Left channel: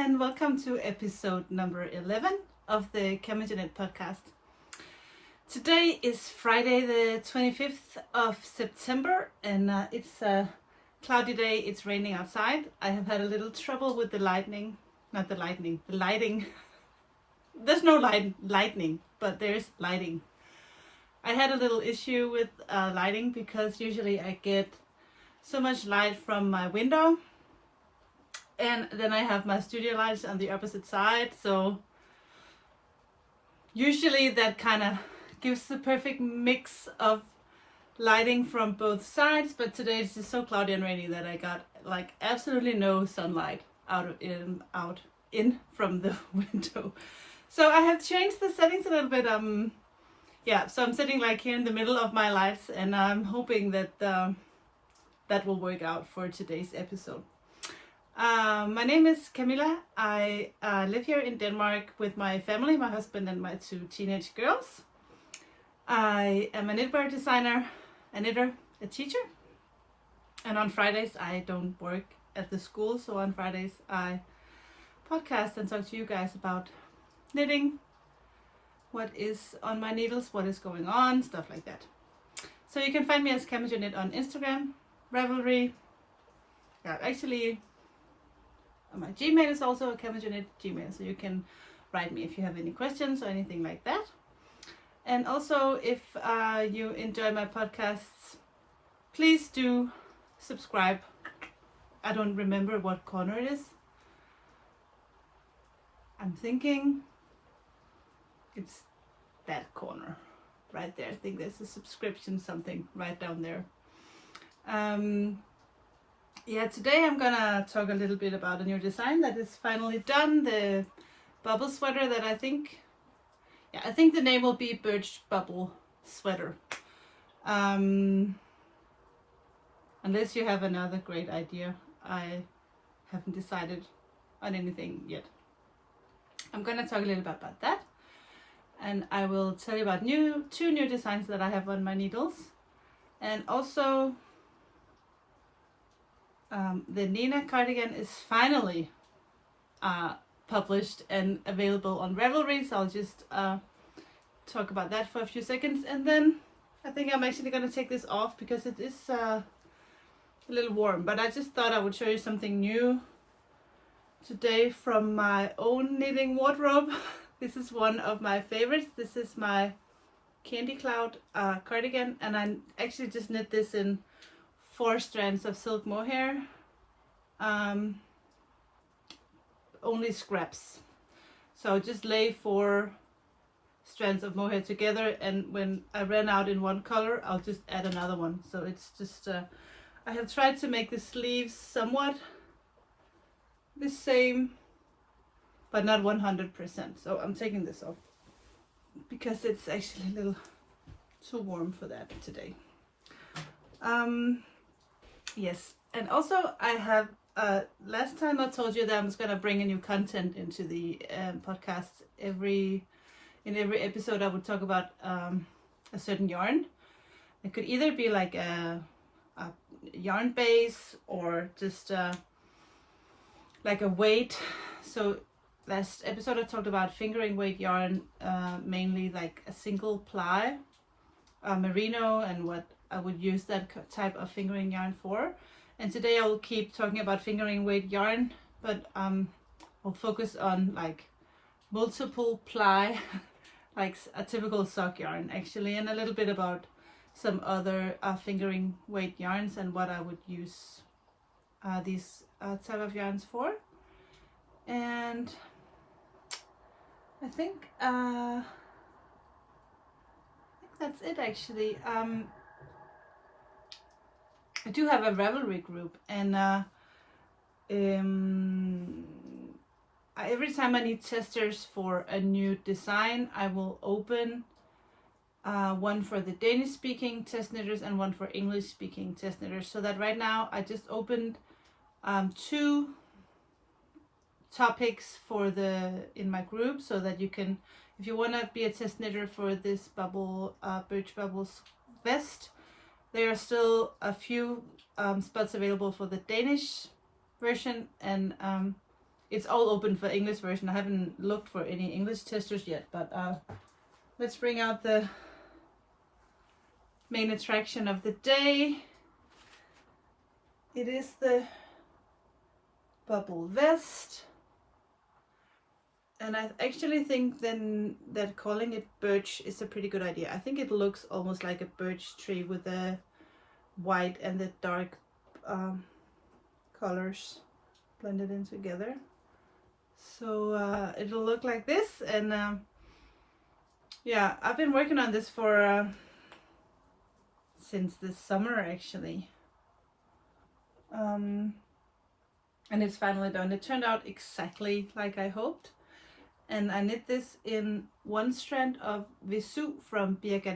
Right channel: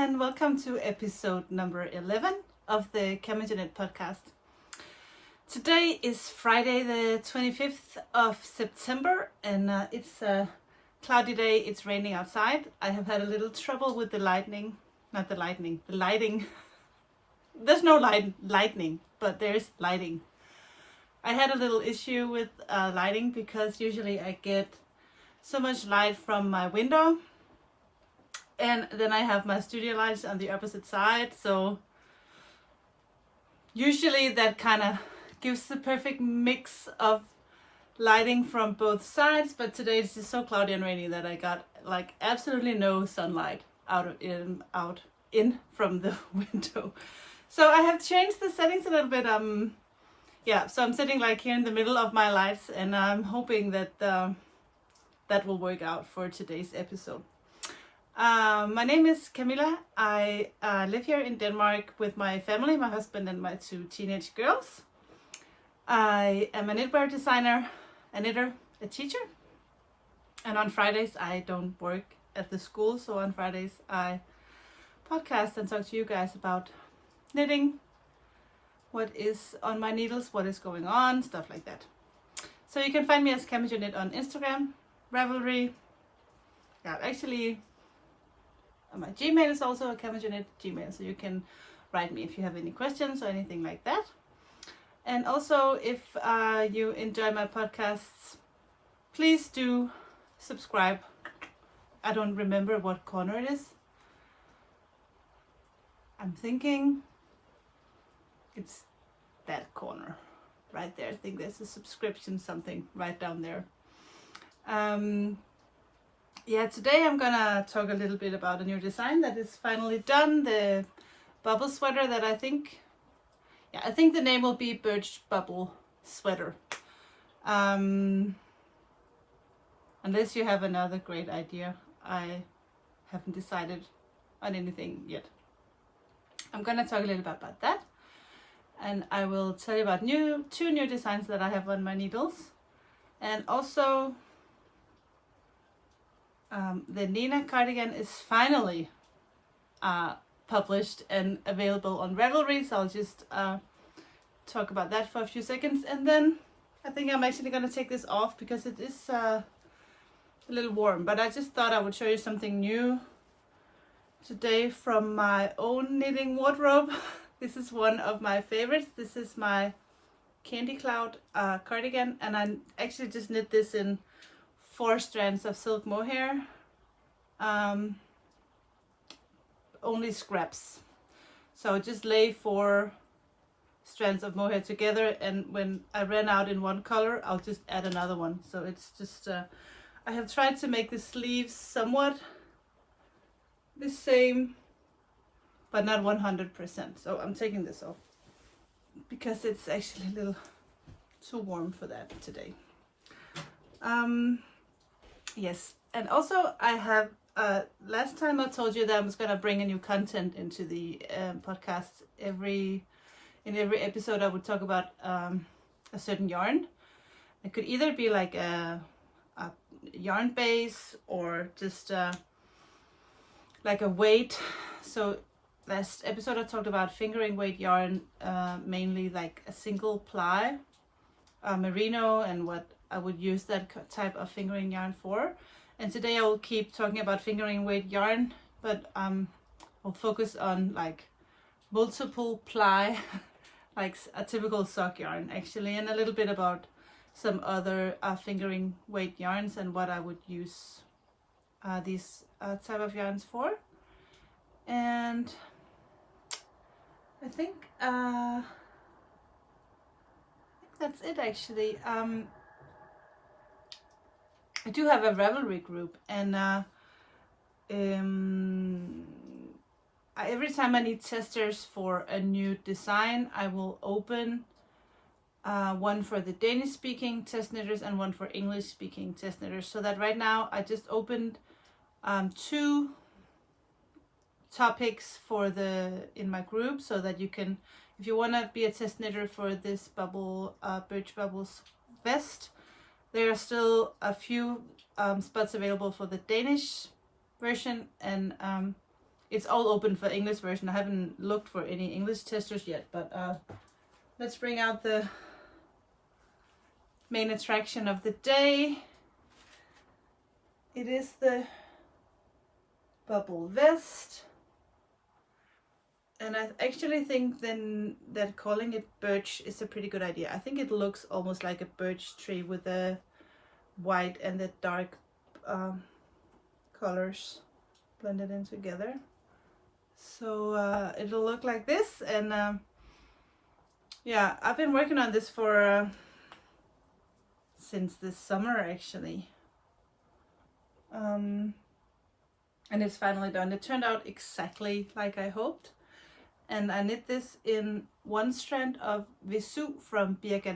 and welcome to episode number 11 of the CamijoKnit podcast. Today is Friday the 25th of September and it's a cloudy day. It's raining outside. I have had a little trouble with the lighting. There's no lightning, but there's lighting. I had a little issue with lighting because usually I get so much light from my window. And then I have my studio lights on the opposite side, so usually that kind of gives the perfect mix of lighting from both sides, but today it's just so cloudy and rainy that I got like absolutely no sunlight in from the window. So I have changed the settings a little bit. So I'm sitting like here in the middle of my lights, and I'm hoping that that will work out for today's episode. My name is Camilla. I live here in Denmark with my family, my husband and my two teenage girls. I am a knitwear designer, a knitter, a teacher. And on Fridays I don't work at the school, so on Fridays I podcast and talk to you guys about knitting, what is on my needles, what is going on, stuff like that. So you can find me as CamijoKnit on Instagram, Ravelry. Yeah, actually my Gmail is also a CamijoKnit Gmail, so you can write me if you have any questions or anything like that. And also, if you enjoy my podcasts, please do subscribe. I don't remember what corner it is. I'm thinking it's that corner right there. I think there's a subscription something right down there. Today I'm gonna talk a little bit about a new design that is finally done. The bubble sweater that I think the name will be Birch Bubble Sweater. Unless you have another great idea. I haven't decided on anything yet. I'm gonna talk a little bit about that. And I will tell you about two new designs that I have on my needles. And also the Anina cardigan is finally published and available on Ravelry, so I'll just talk about that for a few seconds, and then I think I'm actually going to take this off because it is a little warm, but I just thought I would show you something new today from my own knitting wardrobe. This is one of my favorites. This is my Candy Cloud cardigan, and I actually just knit this in 4 strands of silk mohair, only scraps. So just lay 4 strands of mohair together, and when I ran out in one color, I'll just add another one. So it's just, I have tried to make the sleeves somewhat the same, but not 100%. So I'm taking this off because it's actually a little too warm for that today. Yes, and also I have, last time I told you that I was going to bring a new content into the podcast. In every episode I would talk about a certain yarn. It could either be like a yarn base or just like a weight. So last episode I talked about fingering weight yarn, mainly like a single ply merino, and what I would use that type of fingering yarn for. And today I will keep talking about fingering weight yarn, but I'll focus on like multiple ply, like a typical sock yarn actually, and a little bit about some other fingering weight yarns and what I would use these type of yarns for. And I think that's it actually. I do have a Ravelry group, and every time I need testers for a new design, I will open one for the Danish speaking test knitters and one for English speaking test knitters. So that right now I just opened 2 topics for in my group, so that you can, if you want to be a test knitter for this birch bubbles vest, there are still a few spots available for the Danish version, and it's all open for English version. I haven't looked for any English testers yet, but let's bring out the main attraction of the day. It is the bubble vest. And I actually think then that calling it birch is a pretty good idea. I think it looks almost like a birch tree with the white and the dark colors blended in together. So it'll look like this. And yeah, I've been working on this for since this summer actually. And it's finally done. It turned out exactly like I hoped. And I knit this in one strand of Visu from Birch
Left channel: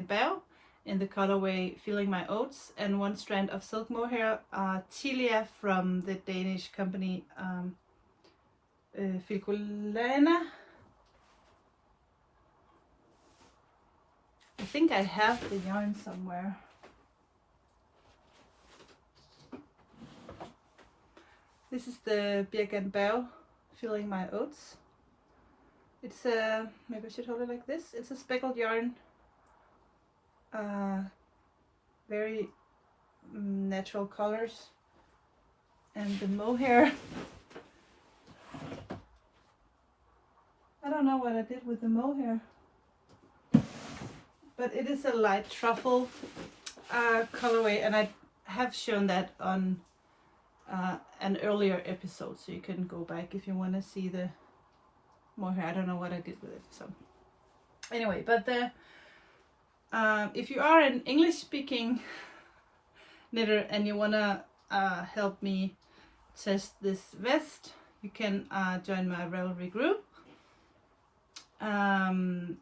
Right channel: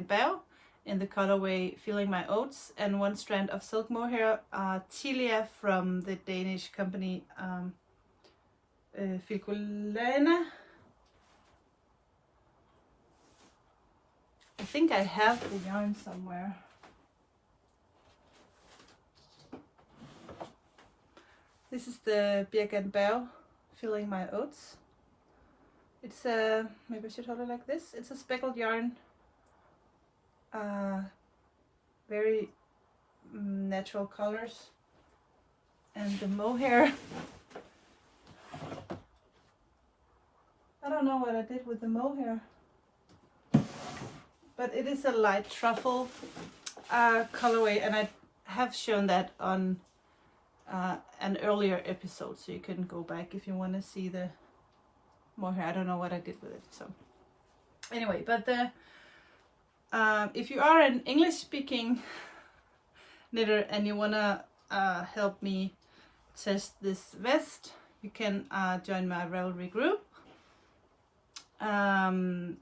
in the colorway Feeling My Oats, and one strand of silk mohair Tilia from the Danish company Filcolana. I think I have the yarn somewhere. This is the Birch Feeling My Oats. It's a, maybe I should hold it like this. It's a speckled yarn, very natural colors, and the mohair. I don't know what I did with the mohair, but it is a light truffle colorway, and I have shown that on an earlier episode, so you can go back if you want to see the mohair. I don't know what I did with it. So anyway, but the if you are an English speaking knitter and you wanna help me test this vest, you can join my Ravelry group, and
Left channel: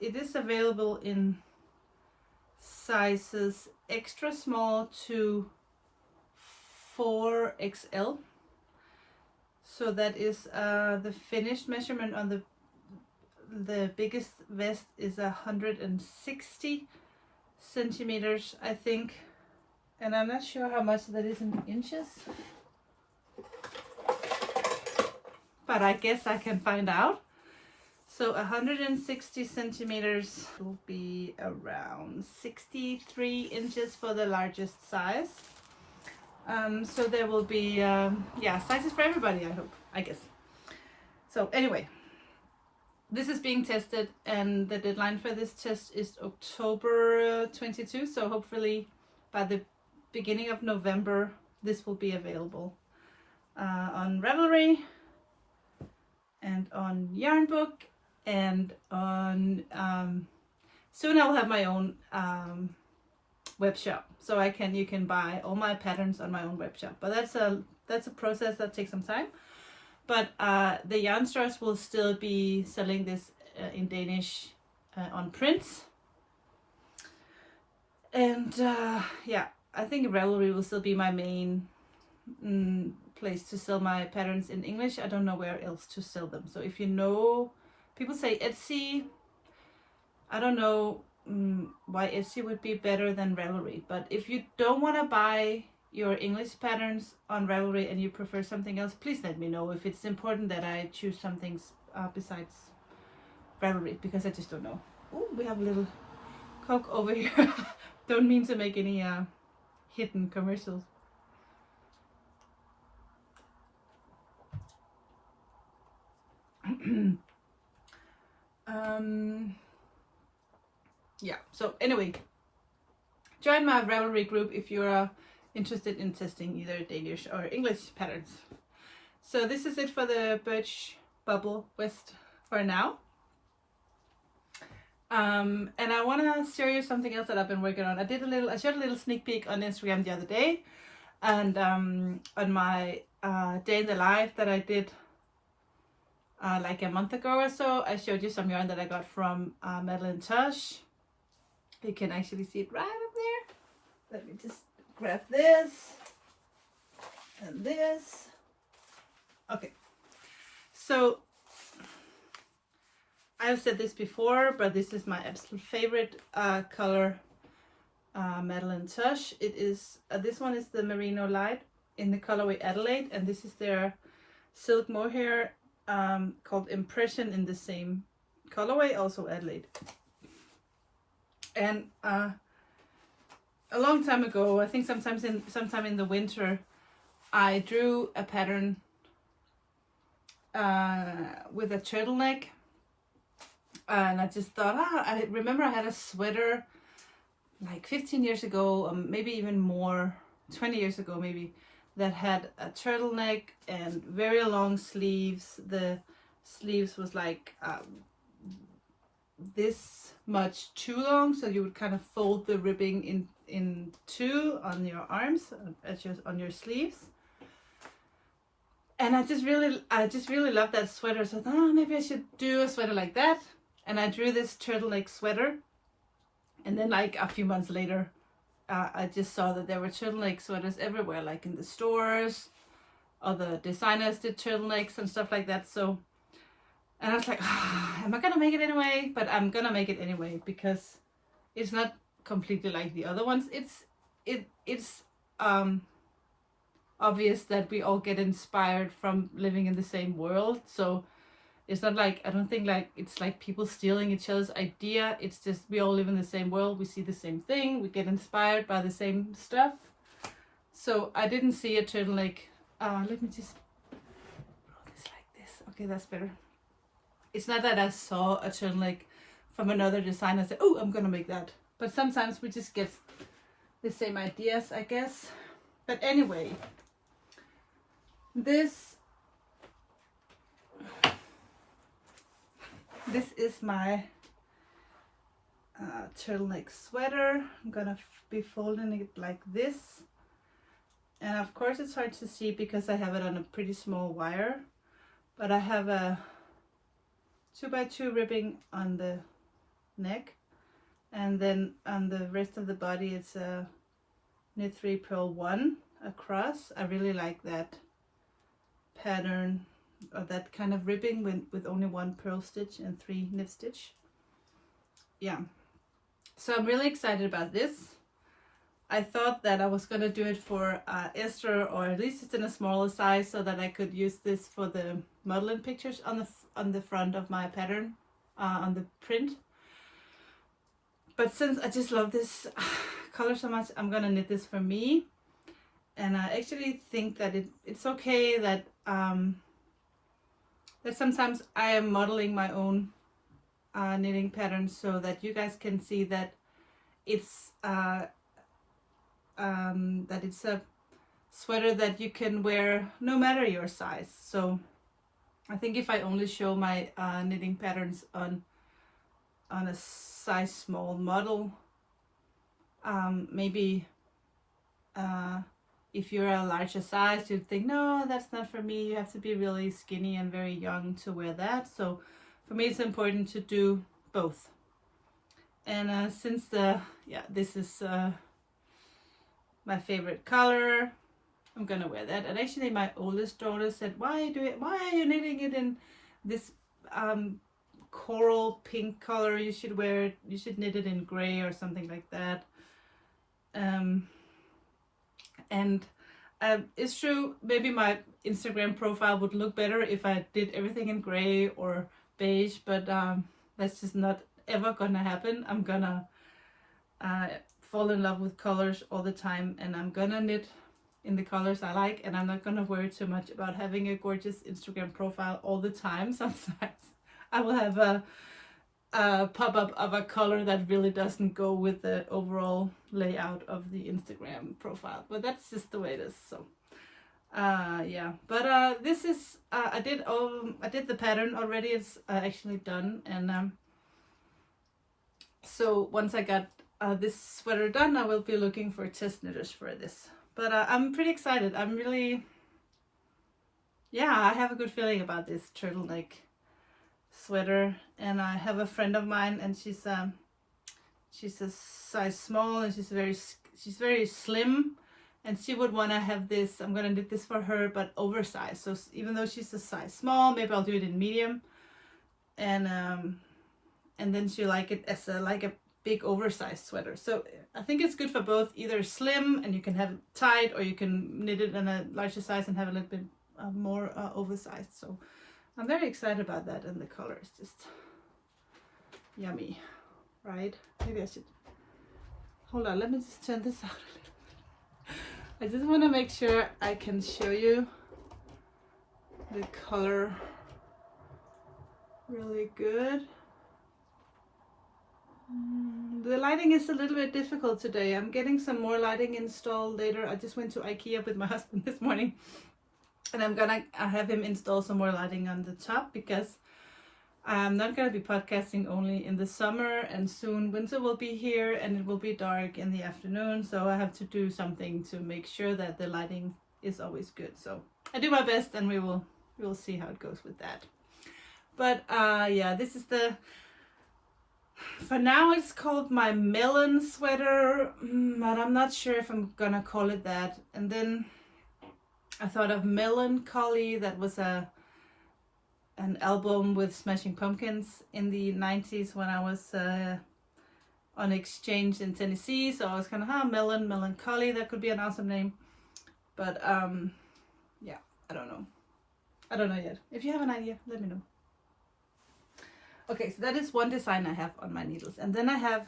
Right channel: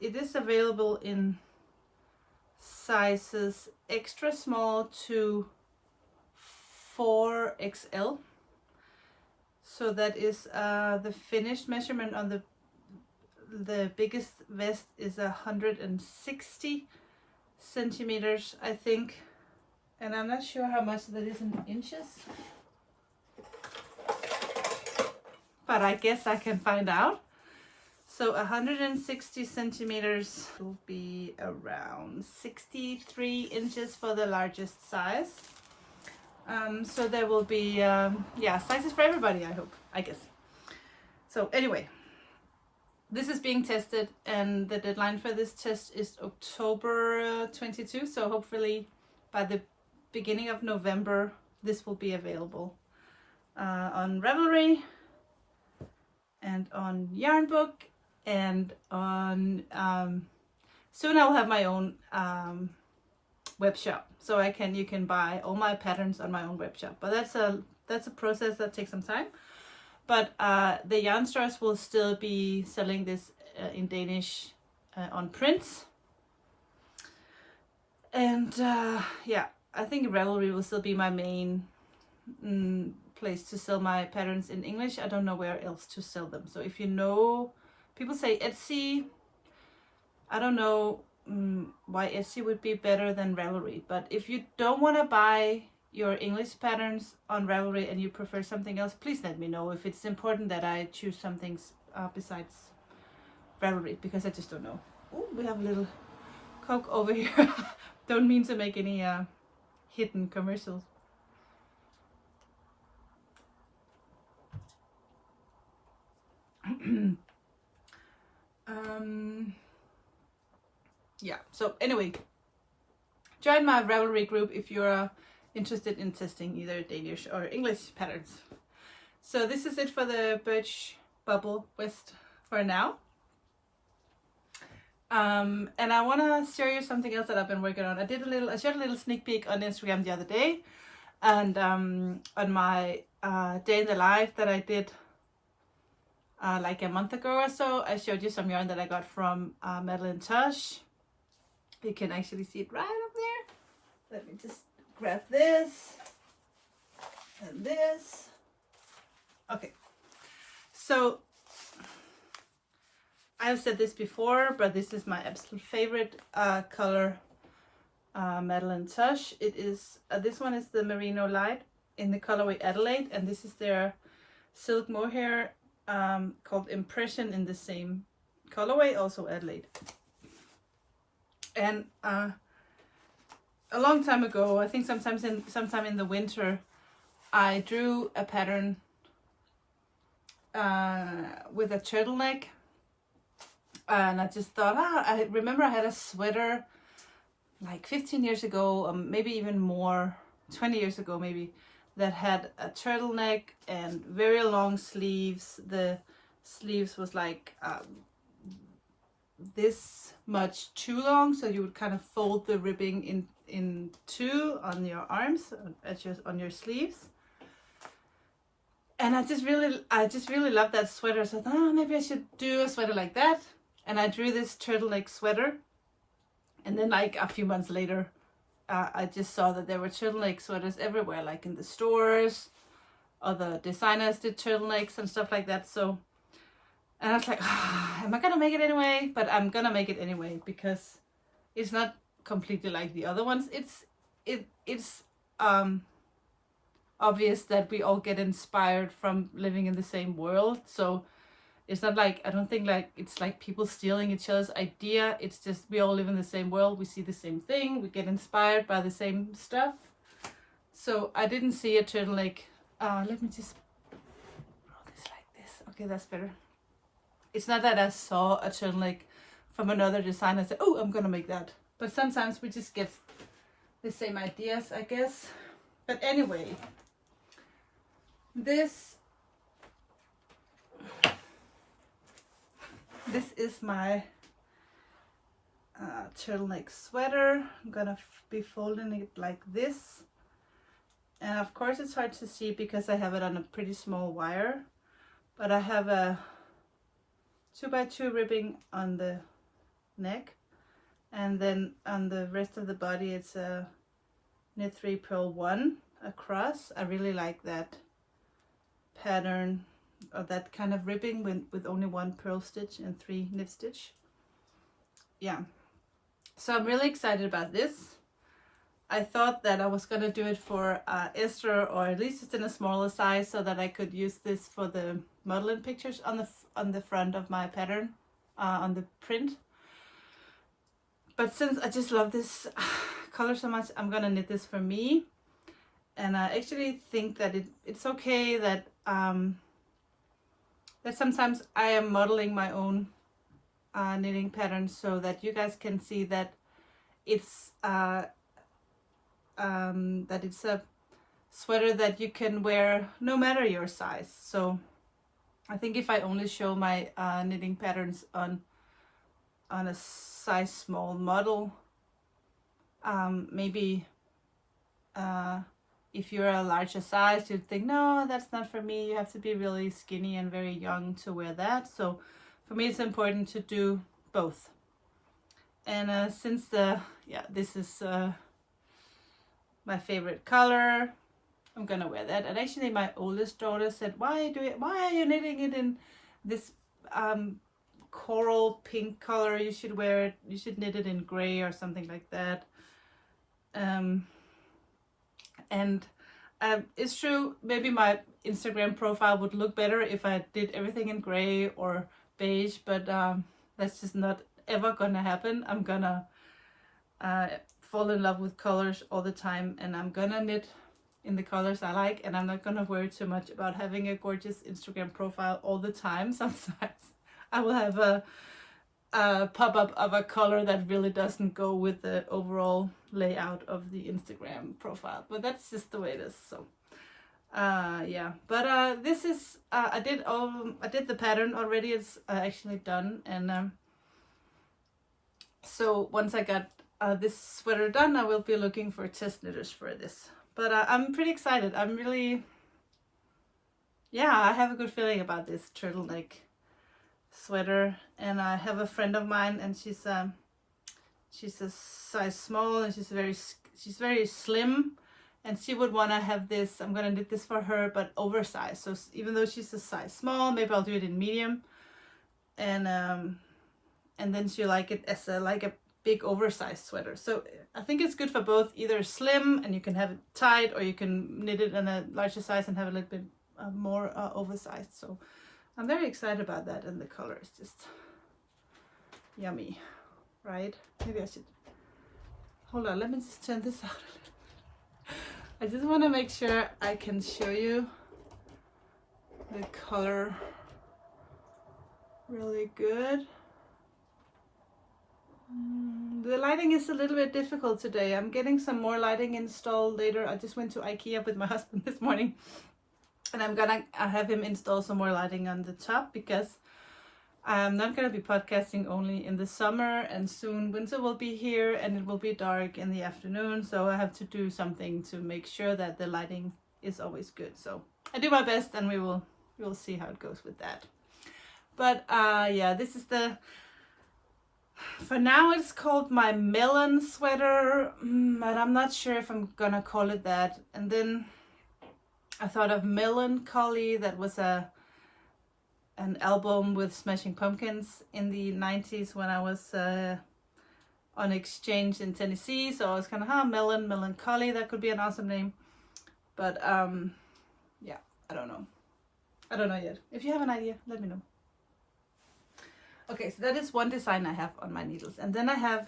it is available in sizes extra small to 4XL. So that is the finished measurement on the biggest vest is 160 centimeters, I think, and I'm not sure how much that is in inches, but I guess I can find out. So 160 centimeters will be around 63 inches for the largest size. So there will be, yeah, sizes for everybody, I guess. So anyway, this is being tested, and the deadline for this test is October 22. So hopefully by the beginning of November, this will be available on Ravelry and on Yarnbook, and on, soon I will have my own web shop. So you can buy all my patterns on my own web shop, but that's a process that takes some time. But the yarn stores will still be selling this in Danish on prints, and yeah, I think Ravelry will still be my main place to sell my patterns in English. I don't know where else to sell them. So if you know, people say Etsy. I don't know why Etsy would be better than Ravelry, but if you don't want to buy your English patterns on Ravelry and you prefer something else, please let me know if it's important that I choose some things besides Ravelry, because I just don't know. Oh, we have a little Coke over here. Don't mean to make any hidden commercials. Yeah, so anyway, join my Ravelry group if you're interested in testing either Danish or English patterns. So this is it for the birch bubble vest for now. And I want to show you something else that I've been working on. I showed a little sneak peek on Instagram the other day, and on my day in the life that I did like a month ago or so, I showed you some yarn that I got from Madeline Tosh. You can actually see it right up there. Let me just grab this and this. Okay, so I have said this before, but this is my absolute favorite color, Madeline Tosh. It is this one is the Merino Light in the colorway Adelaide, and this is their silk mohair called Impression in the same colorway, also Adelaide. And a long time ago, I think sometime in the winter, I drew a pattern with a turtleneck, and I just thought, I remember I had a sweater like 15 years ago, maybe even more, 20 years ago maybe, that had a turtleneck and very long sleeves. The sleeves was like this much too long, so you would kind of fold the ribbing in two on your arms, on your sleeves. And I just really loved that sweater. So I thought, maybe I should do a sweater like that. And I drew this turtleneck sweater. And then like a few months later, I just saw that there were turtleneck sweaters everywhere, like in the stores. Other designers did turtlenecks and stuff like that. So, and I was like, am I gonna make it anyway? But I'm gonna make it anyway because it's not completely like the other ones. It's obvious that we all get inspired from living in the same world. So it's not like, I don't think like it's like people stealing each other's idea. It's just we all live in the same world. We see the same thing. We get inspired by the same stuff. So I didn't see a turtleneck. Let me just roll this like this. Okay, that's better. It's not that I saw a turtleneck from another designer and said, oh, I'm gonna make that. But sometimes we just get the same ideas, I guess. But anyway, this is my turtleneck sweater. I'm gonna be folding it like this. And of course it's hard to see because I have it on a pretty small wire. But I have a 2x2 ribbing on the neck. And then on the rest of the body it's a knit 3 purl 1 across. I really like that pattern, or that kind of ribbing with only 1 purl stitch and 3 knit stitch. Yeah, so I'm really excited about this. I thought that I was gonna do it for Esther, or at least it's in a smaller size, so that I could use this for the modeling pictures on the front of my pattern, on the print. But since I just love this color so much, I'm gonna knit this for me. And I actually think that it's okay that that sometimes I am modeling my own knitting patterns, so that you guys can see that it's a sweater that you can wear no matter your size. So I think if I only show my knitting patterns on a size small model, maybe if you're a larger size, you'd think, no, that's not for me. You have to be really skinny and very young to wear that. So for me, it's important to do both. And since this is my favorite color, I'm gonna wear that. And actually, my oldest daughter said, "Why are you knitting it in this coral pink color? You should knit it in gray or something like that." And it's true, maybe my Instagram profile would look better if I did everything in gray or beige, but that's just not ever gonna happen. I'm gonna fall in love with colors all the time, and I'm gonna knit in the colors I like, and I'm not gonna worry too much about having a gorgeous Instagram profile all the time. Sometimes I will have a pop-up of a color that really doesn't go with the overall layout of the Instagram profile, but that's just the way it is. So yeah, but this is I did the pattern already. It's actually done, and so once I got this sweater done, I will be looking for test knitters for this. But I'm pretty excited. I'm really, yeah, I have a good feeling about this turtleneck sweater. And I have a friend of mine, and she's a size small, and she's very slim, and she would want to have this. I'm gonna knit this for her, but oversized. So even though she's a size small, maybe I'll do it in medium, and then she'll like it as a big oversized sweater. So I think it's good for both, either slim and you can have it tight, or you can knit it in a larger size and have a little bit more oversized. So I'm very excited about that, and the color is just yummy, right? Maybe I should hold on. Let me just turn this out a little. I just want to make sure I can show you the color really good. The lighting is a little bit difficult today. I'm getting some more lighting installed later. I just went to IKEA with my husband this morning, and I'm gonna have him install some more lighting on the top, because I'm not gonna be podcasting only in the summer, and soon winter will be here and it will be dark in the afternoon, so I have to do something to make sure that the lighting is always good. So I do my best, and we will see how it goes with that. But yeah, this is for now it's called my melon sweater, but I'm not sure if I'm gonna call it that. And then I thought of Melancholy. That was an album with Smashing Pumpkins in the 90s when I was on exchange in Tennessee. So I was kind of, Melancholy, that could be an awesome name. But yeah, I don't know yet. If you have an idea, let me know. Okay, so that is one design I have on my needles. And then I have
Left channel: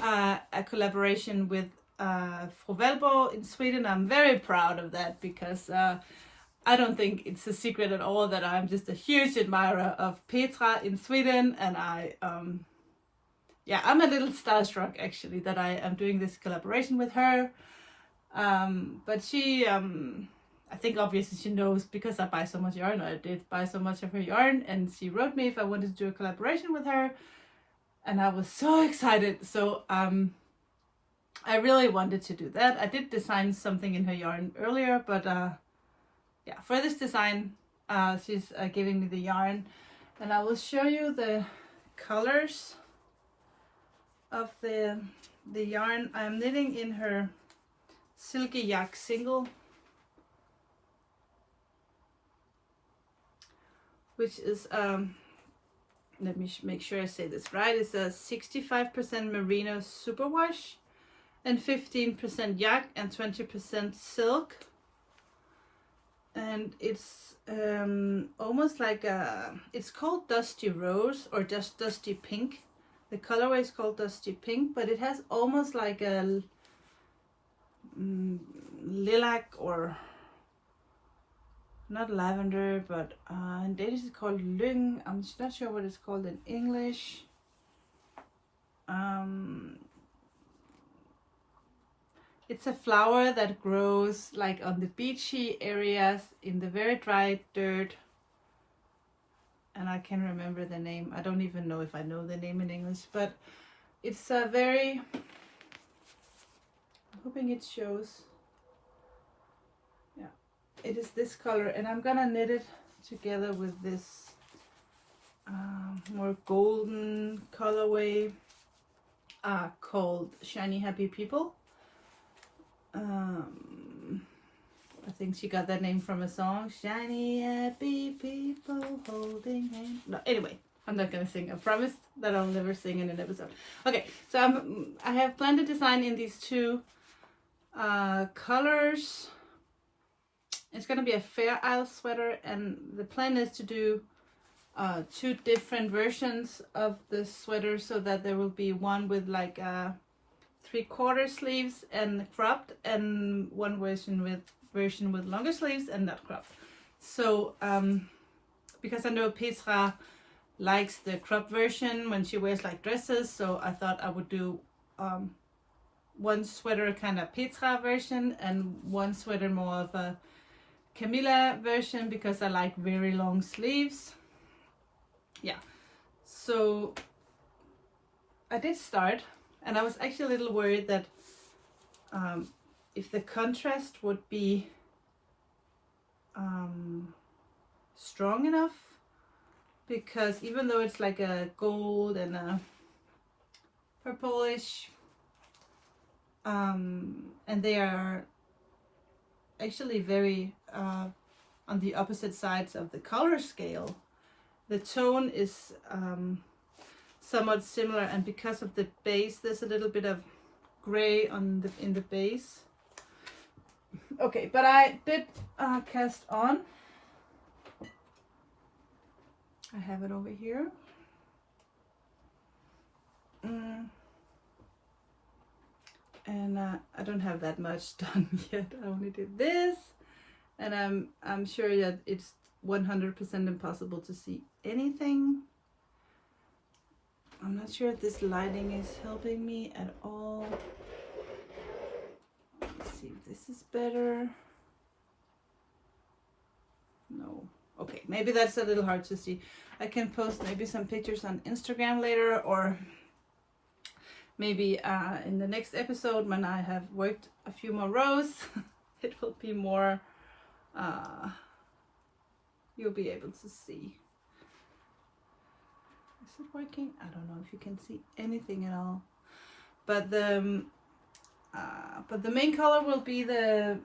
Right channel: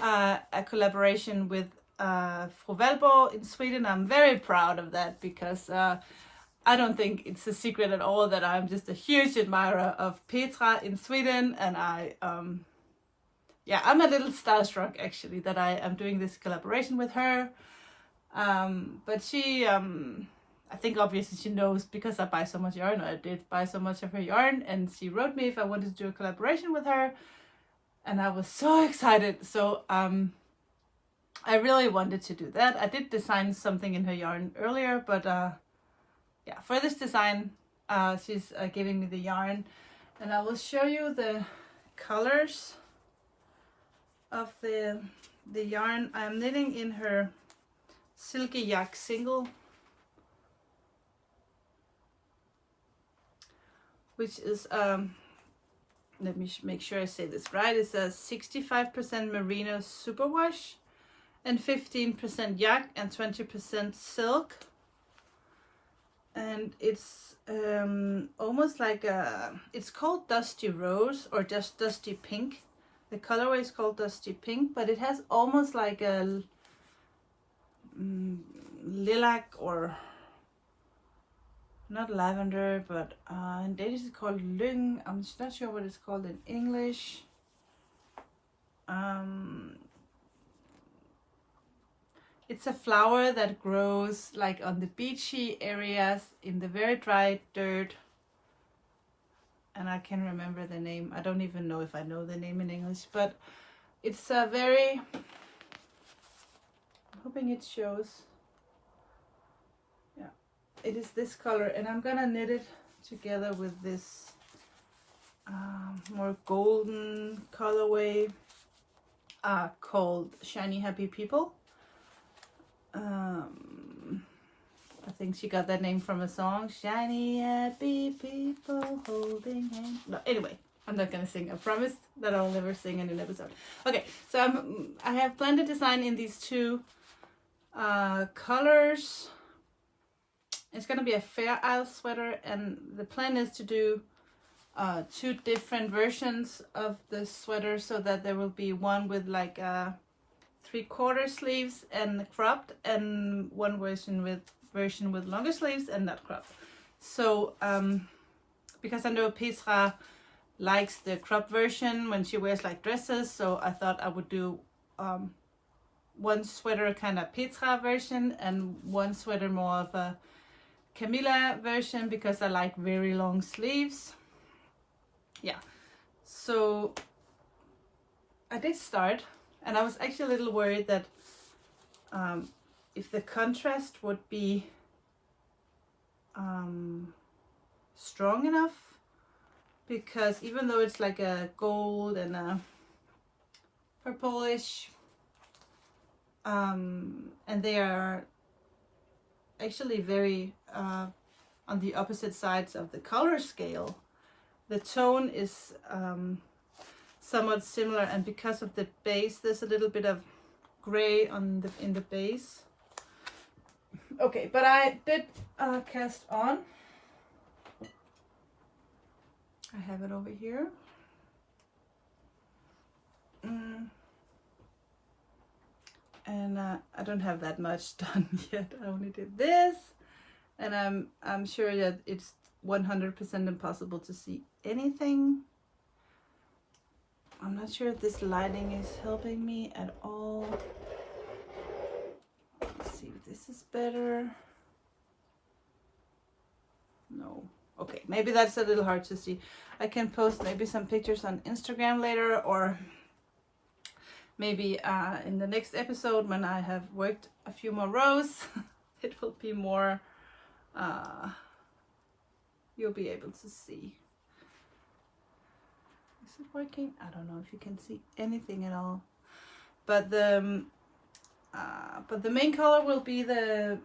a collaboration with Ravelry in Sweden. I'm very proud of that, because I don't think it's a secret at all that I'm just a huge admirer of Petra in Sweden. And I'm a little starstruck actually that I am doing this collaboration with her. But she, I think obviously she knows, because I buy so much yarn, or I did buy so much of her yarn, and she wrote me if I wanted to do a collaboration with her, and I was so excited. So I really wanted to do that. I did design something in her yarn earlier, but yeah, for this design, she's giving me the yarn, and I will show you the colors of the yarn. I'm knitting in her Silky Yak single, which is, let me make sure I say this right, it's a 65% merino superwash and 15% yak and 20% silk. And it's almost like it's called Dusty Rose, or just Dusty Pink. The colorway is called Dusty Pink, but it has almost like a lilac, or not lavender, but in Danish it's called lyng. I'm not sure what it's called in English. It's a flower that grows like on the beachy areas in the very dry dirt. And I can't remember the name. I don't even know if I know the name in English, but it's a very, I'm hoping it shows. Yeah, it is this color, and I'm gonna knit it together with this more golden colorway called Shiny Happy People. I think she got that name from a song, Shiny Happy People Holding Hands. No, anyway, I'm not gonna sing. I promise that I'll never sing in an episode. Okay, so I have planned a design in these two colors. It's gonna be a Fair Isle sweater, and the plan is to do two different versions of the sweater, so that there will be one with like 3/4 sleeves and cropped, and one version with longer sleeves and not cropped. So because I know Petra likes the cropped version when she wears like dresses, so I thought I would do one sweater kind of Petra version and one sweater more of a Camilla version, because I like very long sleeves. Yeah, so I did start, and I was actually a little worried that if the contrast would be strong enough, because even though it's like a gold and a purplish, and they are actually very on the opposite sides of the color scale, the tone is somewhat similar, and because of the base, there's a little bit of gray in the base. Okay, but I did cast on. I have it over here. And I don't have that much done yet. I only did this, and I'm sure that it's 100% impossible to see anything. I'm not sure if this lighting is helping me at all. Let's see if this is better. No. Okay, maybe that's a little hard to see. I can post maybe some pictures on Instagram later, or maybe in the next episode when I have worked a few more rows, it will be more, you'll be able to see. Is it working? I don't know if you can see anything at all. But the main color will be the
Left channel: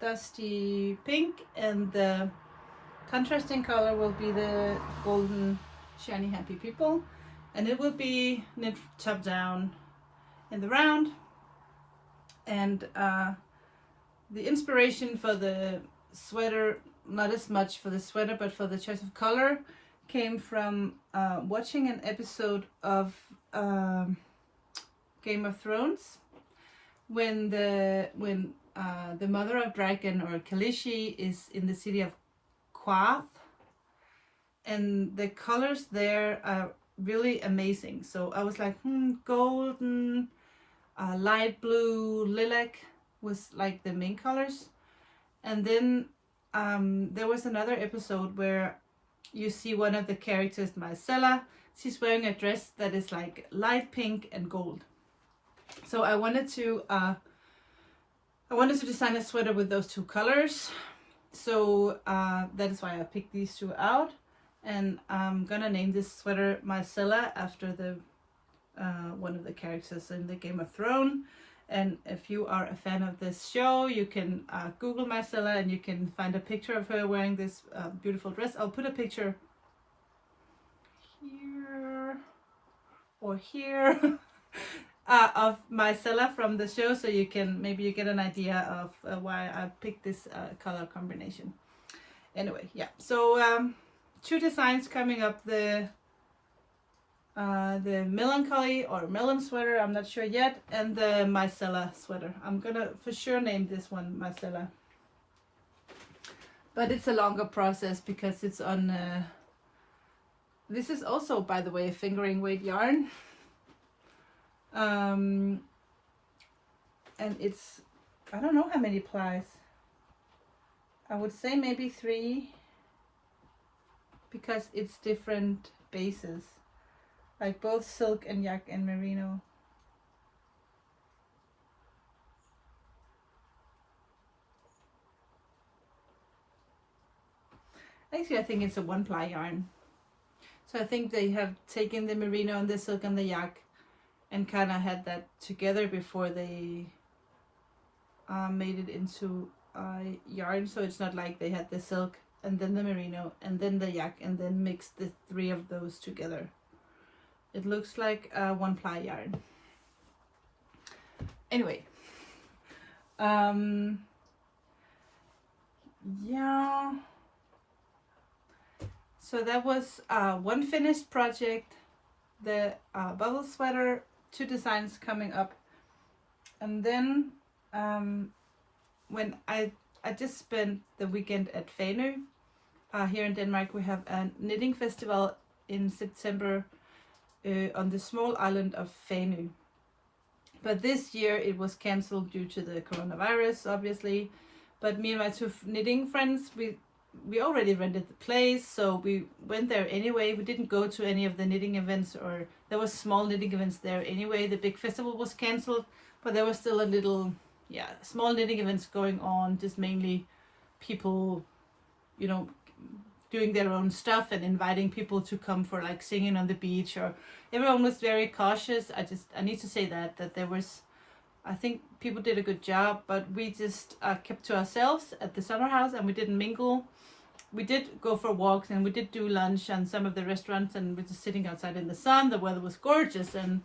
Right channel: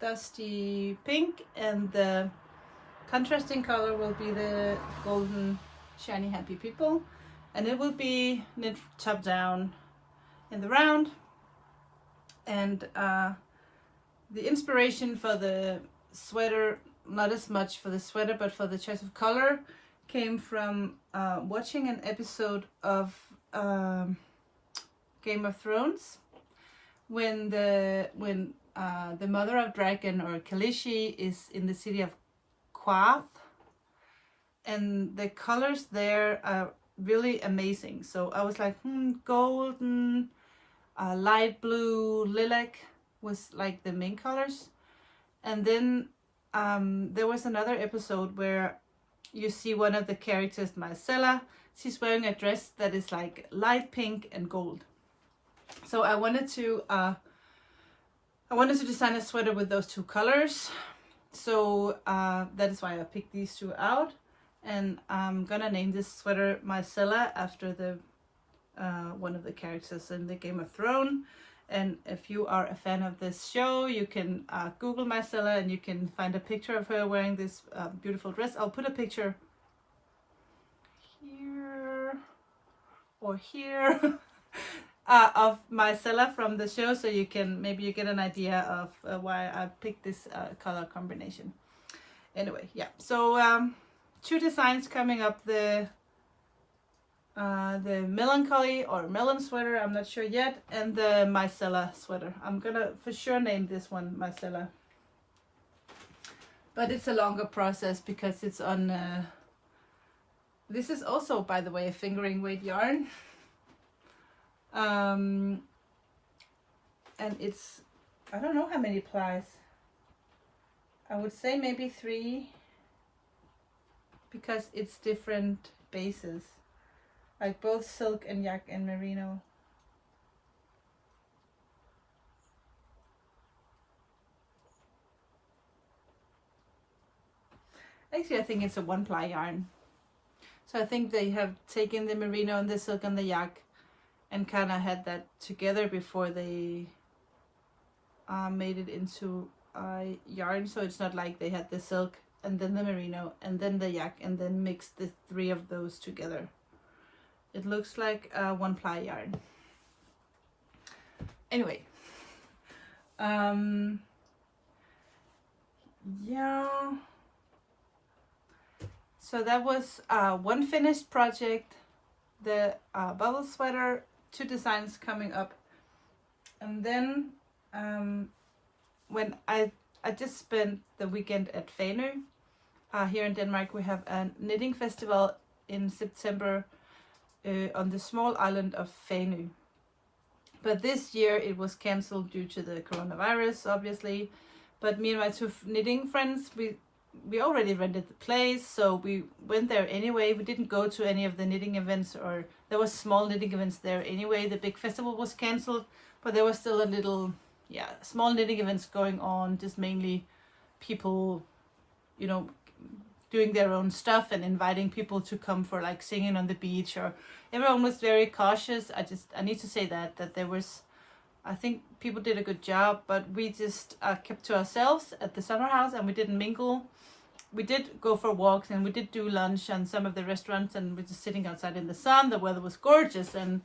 dusty pink, and the contrasting color will be the golden shiny happy people, and it will be knit top down in the round. And the inspiration for the sweater, not as much for the sweater, but for the choice of color, came from watching an episode of Game of Thrones, when the mother of dragon, or Khaleesi, is in the city of Quath, and the colors there are really amazing. So I was like, golden, light blue, lilac was like the main colors. And then there was another episode where you see one of the characters, Marcella. She's wearing a dress that is like light pink and gold. So I wanted to design a sweater with those two colors. So that is why I picked these two out, and I'm gonna name this sweater Marcella after the one of the characters in the Game of Thrones. And if you are a fan of this show, you can Google Marcella and you can find a picture of her wearing this beautiful dress. I'll put a picture here or here of Marcella from the show, so you can maybe you get an idea of why I picked this color combination. Anyway, yeah. So two designs coming up: the melancholy or melon sweater, I'm not sure yet, and the Marcella sweater. I'm gonna for sure name this one Marcella, but it's a longer process because it's on this is also, by the way, a fingering weight yarn, and it's, I don't know how many plies. I would say maybe 3, because it's different bases, like both silk and yak and merino. Actually, I think it's a 1-ply yarn. So I think they have taken the merino and the silk and the yak and kind of had that together before they made it into yarn. So it's not like they had the silk and then the merino and then the yak and then mixed the 3 of those together. It looks like a 1-ply yarn. Anyway, yeah. So that was one finished project, the bubble sweater, 2 designs coming up. And then when I just spent the weekend at Fanø. Here in Denmark, we have a knitting festival in September on the small island of Fanø. But this year it was cancelled due to the coronavirus, obviously. But me and my 2 knitting friends, we already rented the place, so we went there anyway. We didn't go to any of the knitting events, or there was small knitting events there anyway. The big festival was cancelled, but there was still a little, small knitting events going on, just mainly people, doing their own stuff and inviting people to come for like singing on the beach, or everyone was very cautious. I need to say that there was, I think people did a good job, but we just kept to ourselves at the summer house and we didn't mingle. We did go for walks and we did do lunch on some of the restaurants, and we're just sitting outside in the sun. The weather was gorgeous, and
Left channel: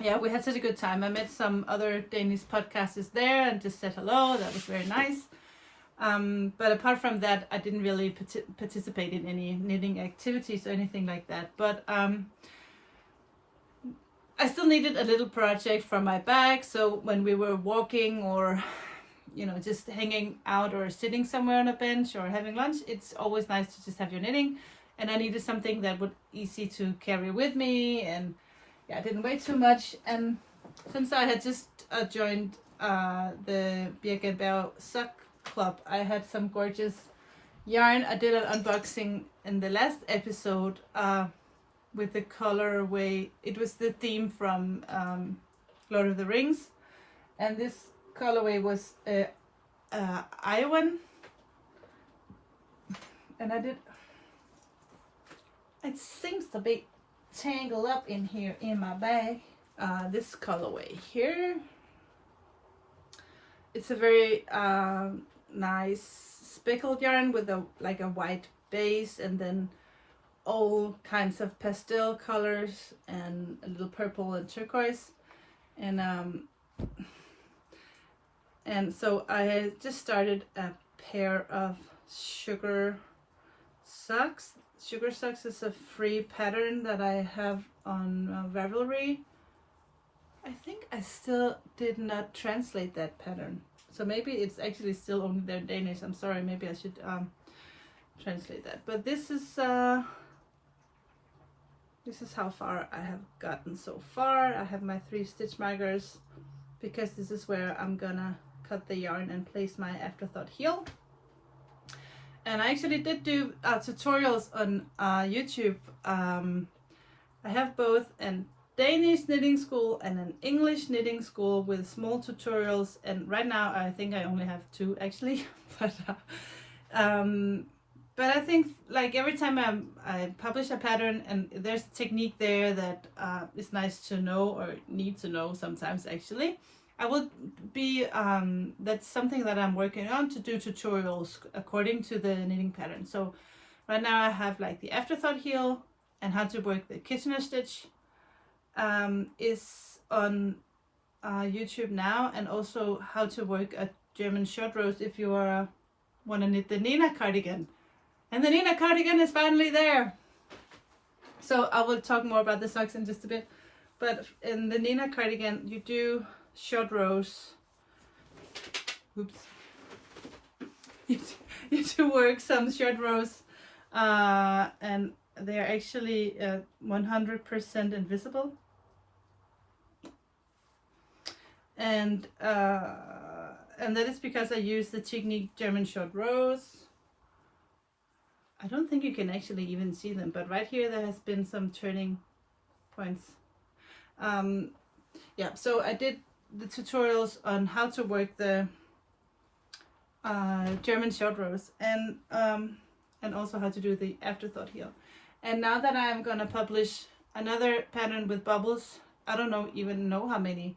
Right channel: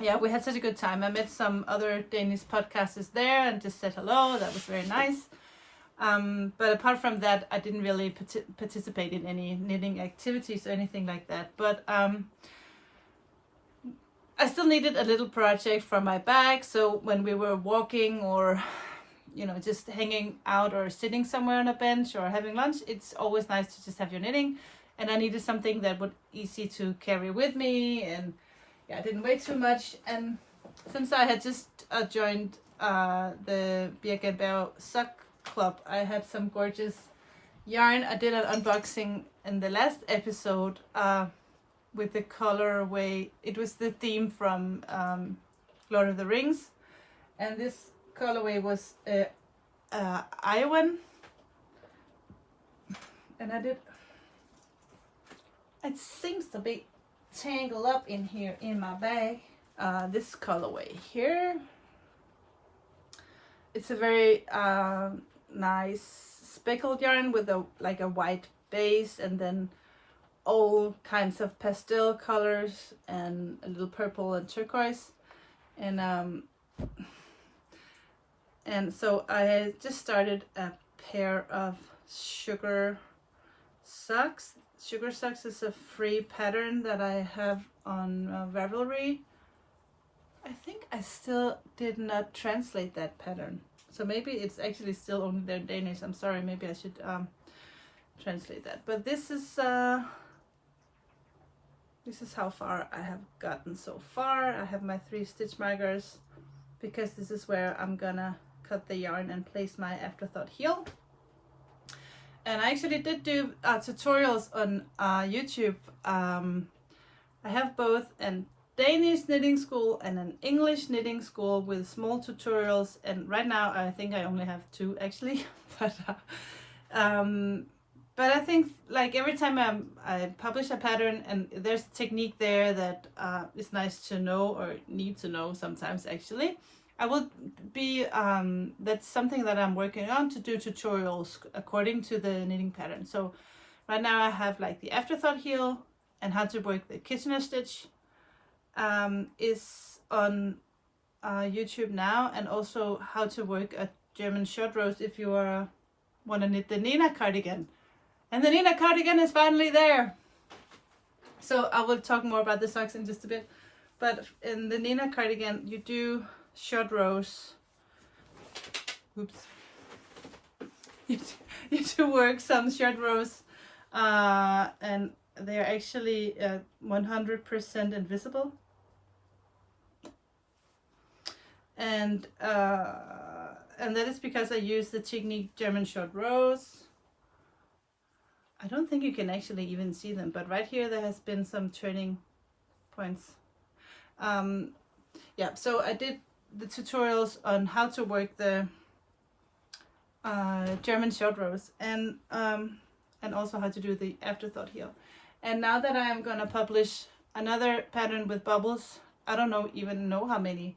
yeah, we had such a good time. I met some other Danish podcasters there and just said hello. That was very nice. But apart from that, I didn't really participate in any knitting activities or anything like that. But I still needed a little project for my bag. So when we were walking or, you know, just hanging out or sitting somewhere on a bench or having lunch, it's always nice to just have your knitting. And I needed something that would easy to carry with me, and yeah, I didn't weigh too much. And since I had just joined the Birch sock club, I had some gorgeous yarn. I did an unboxing in the last episode with the colorway. It was the theme from Lord of the Rings, and this colorway was Iowan, and I did. It seems to be tangled up in here in my bag. This colorway here. It's a very nice speckled yarn with a white base, and then all kinds of pastel colors and a little purple and turquoise, and so I just started a pair of sugar socks. Sugar socks is a free pattern that I have on Ravelry. I think I still did not translate that pattern, so maybe it's actually still only there in Danish. I'm sorry, maybe I should translate that. But this is how far I have gotten so far. I have my 3 stitch markers because this is where I'm gonna cut the yarn and place my afterthought heel. And I actually did do tutorials on YouTube. I have both a Danish knitting school and an English knitting school with small tutorials, and right now I think I only have 2 actually. But I think like every time I publish a pattern and there's a technique there that is nice to know or need to know sometimes actually, I will be, that's something that I'm working on, to do tutorials according to the knitting pattern. So right now I have like the afterthought heel and how to work the Kitchener stitch is on YouTube now, and also how to work a German short rows if you want to knit the Nina cardigan. And the Nina cardigan is finally there. So I will talk more about the socks in just a bit. But in the Nina cardigan, you do short rows. Oops. You do work some short rows, and they're actually 100% invisible. And that is because I use the technique German short rows. I don't think you can actually even see them, but right here there has been some turning points. Yeah, so I did the tutorials on how to work the German short rows, and also how to do the afterthought heel. And now that I am gonna publish another pattern with bubbles, I don't even know how many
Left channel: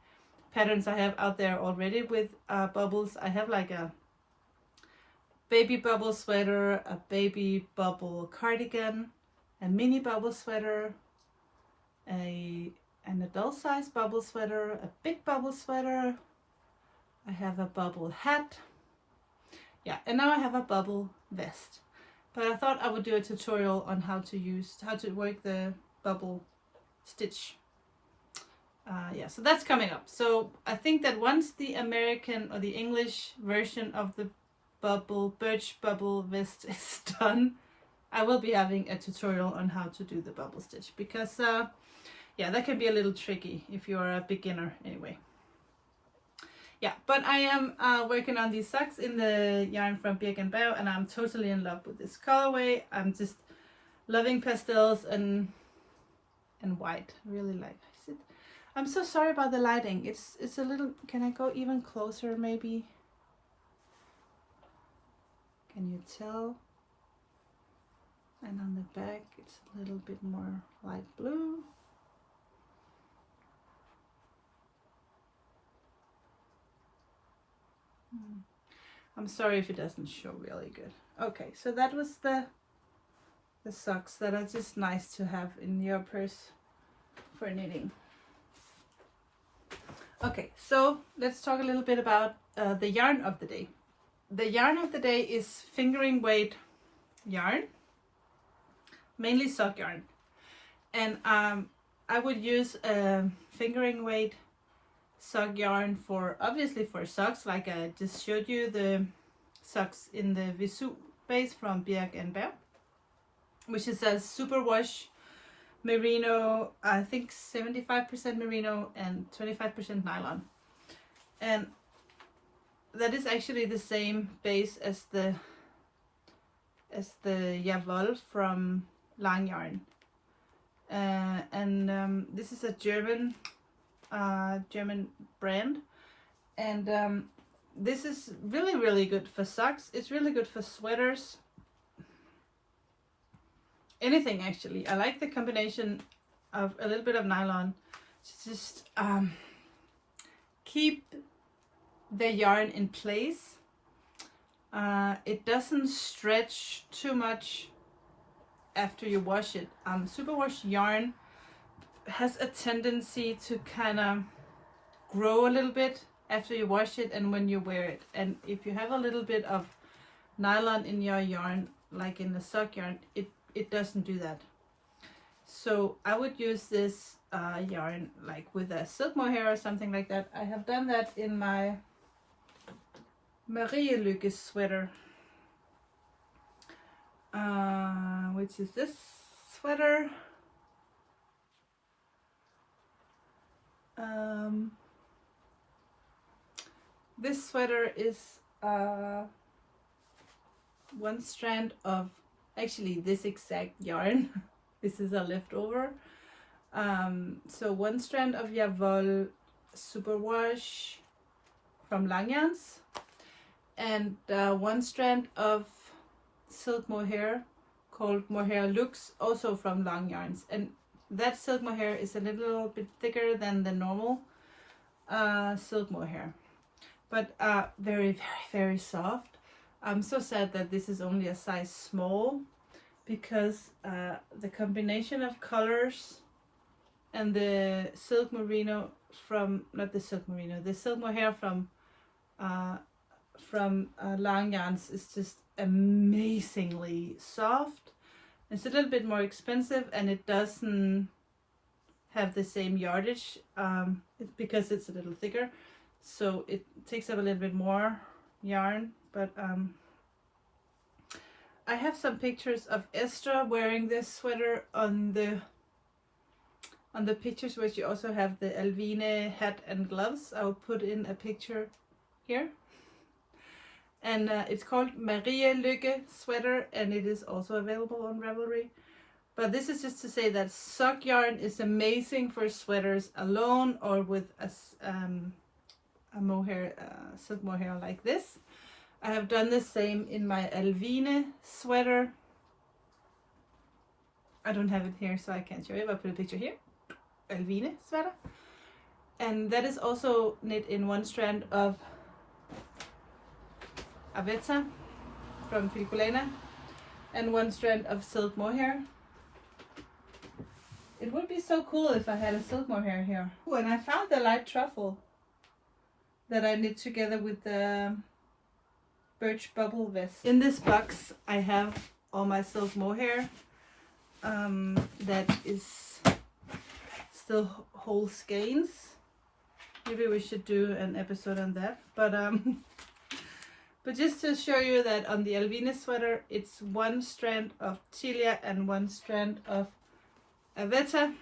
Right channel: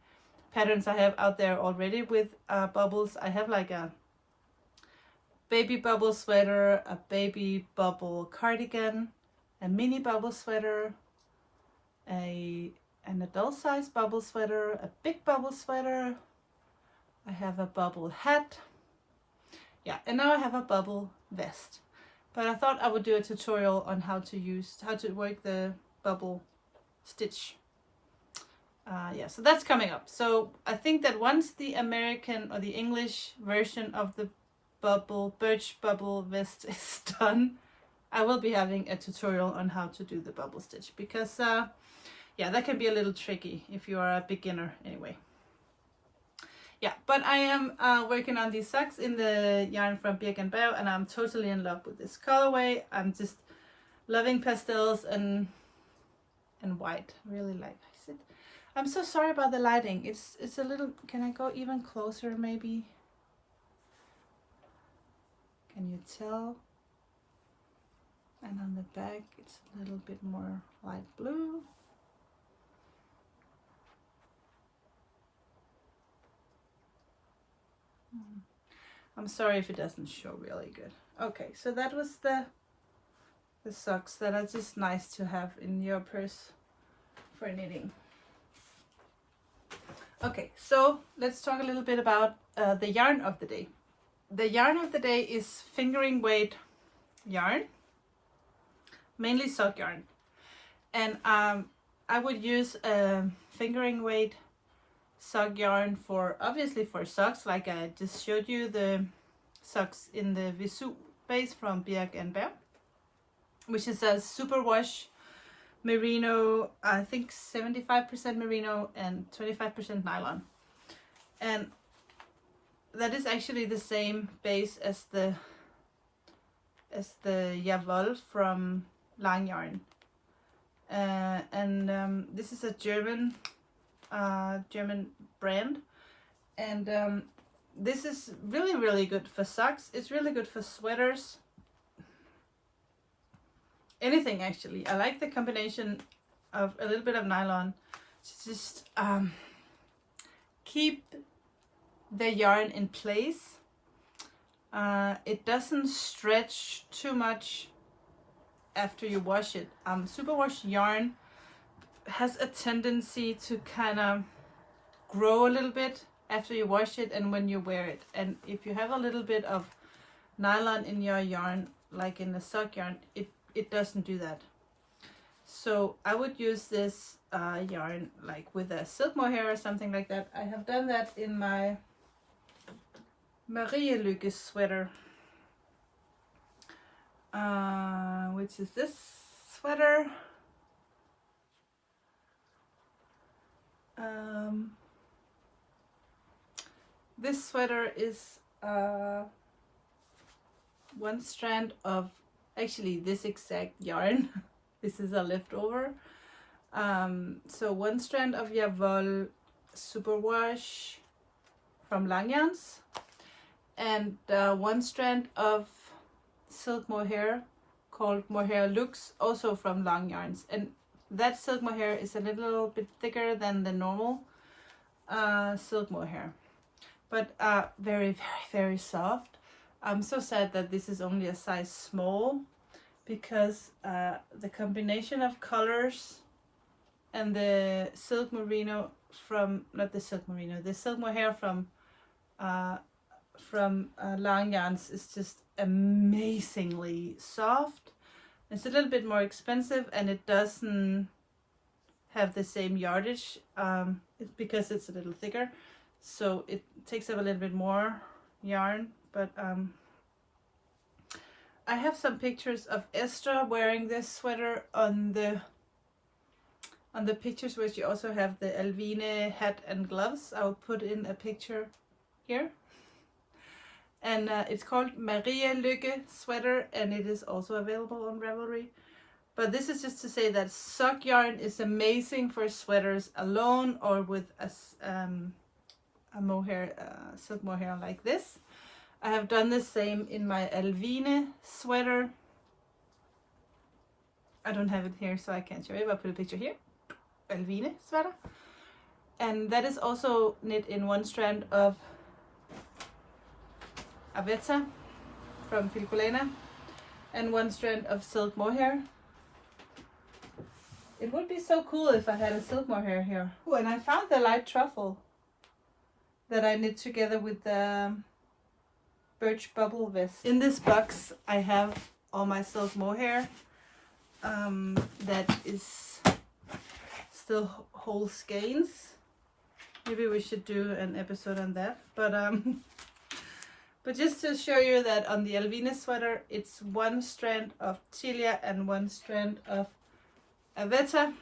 patterns I have out there already with bubbles. I have like a baby bubble sweater, a baby bubble cardigan, a mini bubble sweater, an adult size bubble sweater, a big bubble sweater. I have a bubble hat. Yeah, and now I have a bubble vest. But I thought I would do a tutorial on how to work the bubble stitch. Yeah, so that's coming up. So I think that once the American or the English version of the birch bubble vest is done, I will be having a tutorial on how to do the bubble stitch, because yeah, that can be a little tricky if you are a beginner anyway. Yeah, but I am working on these socks in the yarn from Birch, and I'm totally in love with this colorway. I'm just loving pastels and white. Really like it. I'm so sorry about the lighting. It's a little. Can I go even closer maybe? Can you tell? And on the back it's a little bit more light blue. I'm sorry if it doesn't show really good. Okay, so that was the socks that are just nice to have in your purse for knitting. Okay, so let's talk a little bit about the yarn of the day. The yarn of the day is fingering weight yarn, mainly sock yarn. And I would use fingering weight sock yarn for, obviously for socks, like I just showed you the socks in the Visu base from Birch and Bear, which is a superwash merino, I think 75% merino and 25% nylon. And that is actually the same base as the Javol from Lang Yarn. This is a German brand, and this is really good for socks. It's really good for sweaters, anything actually. I like the combination of a little bit of nylon to just keep the yarn in place. It doesn't stretch too much after you wash it. Superwash yarn has a tendency to kind of grow a little bit after you wash it and when you wear it. And if you have a little bit of nylon in your yarn, like in the sock yarn, it doesn't do that. So I would use this yarn like with a silk mohair or something like that. I have done that in my Marielykke sweater, which is this sweater. This sweater is one strand of actually this exact yarn. This is a leftover. So one strand of Javol superwash from Langjans, and one strand of silk mohair called Mohair Lux, also from Lang Yarns. And that silk mohair is a little bit thicker than the normal silk mohair, but very soft. I'm so sad that this is only a size small, because the combination of colors and the silk merino from, not the silk merino, the silk mohair from Lang Yarns is just amazingly soft. It's a little bit more expensive, and it doesn't have the same yardage because it's a little thicker, so it takes up a little bit more yarn. But I have some pictures of Esther wearing this sweater on the pictures, where she also have the Alvine hat and gloves. I will put in a picture here. And it's called Marielykke sweater, and it is also available on Ravelry. But this is just to say that sock yarn is amazing for sweaters alone, or with a mohair, silk mohair like this. I have done the same in my Alvine sweater. I don't have it here, so I can't show you, but I'll put a picture here. Alvine sweater. And that is also knit in one strand of Arwetta from Filcolena and one strand of silk mohair. It would be so cool if I had a silk mohair here. Oh, and I found the light truffle that I knit together with the birch bubble vest. In this box I have all my silk mohair that is still whole skeins. Maybe we should do an episode on that. But just to show you that on the Alvine sweater, it's one strand of Tilia and one strand of Arwetta.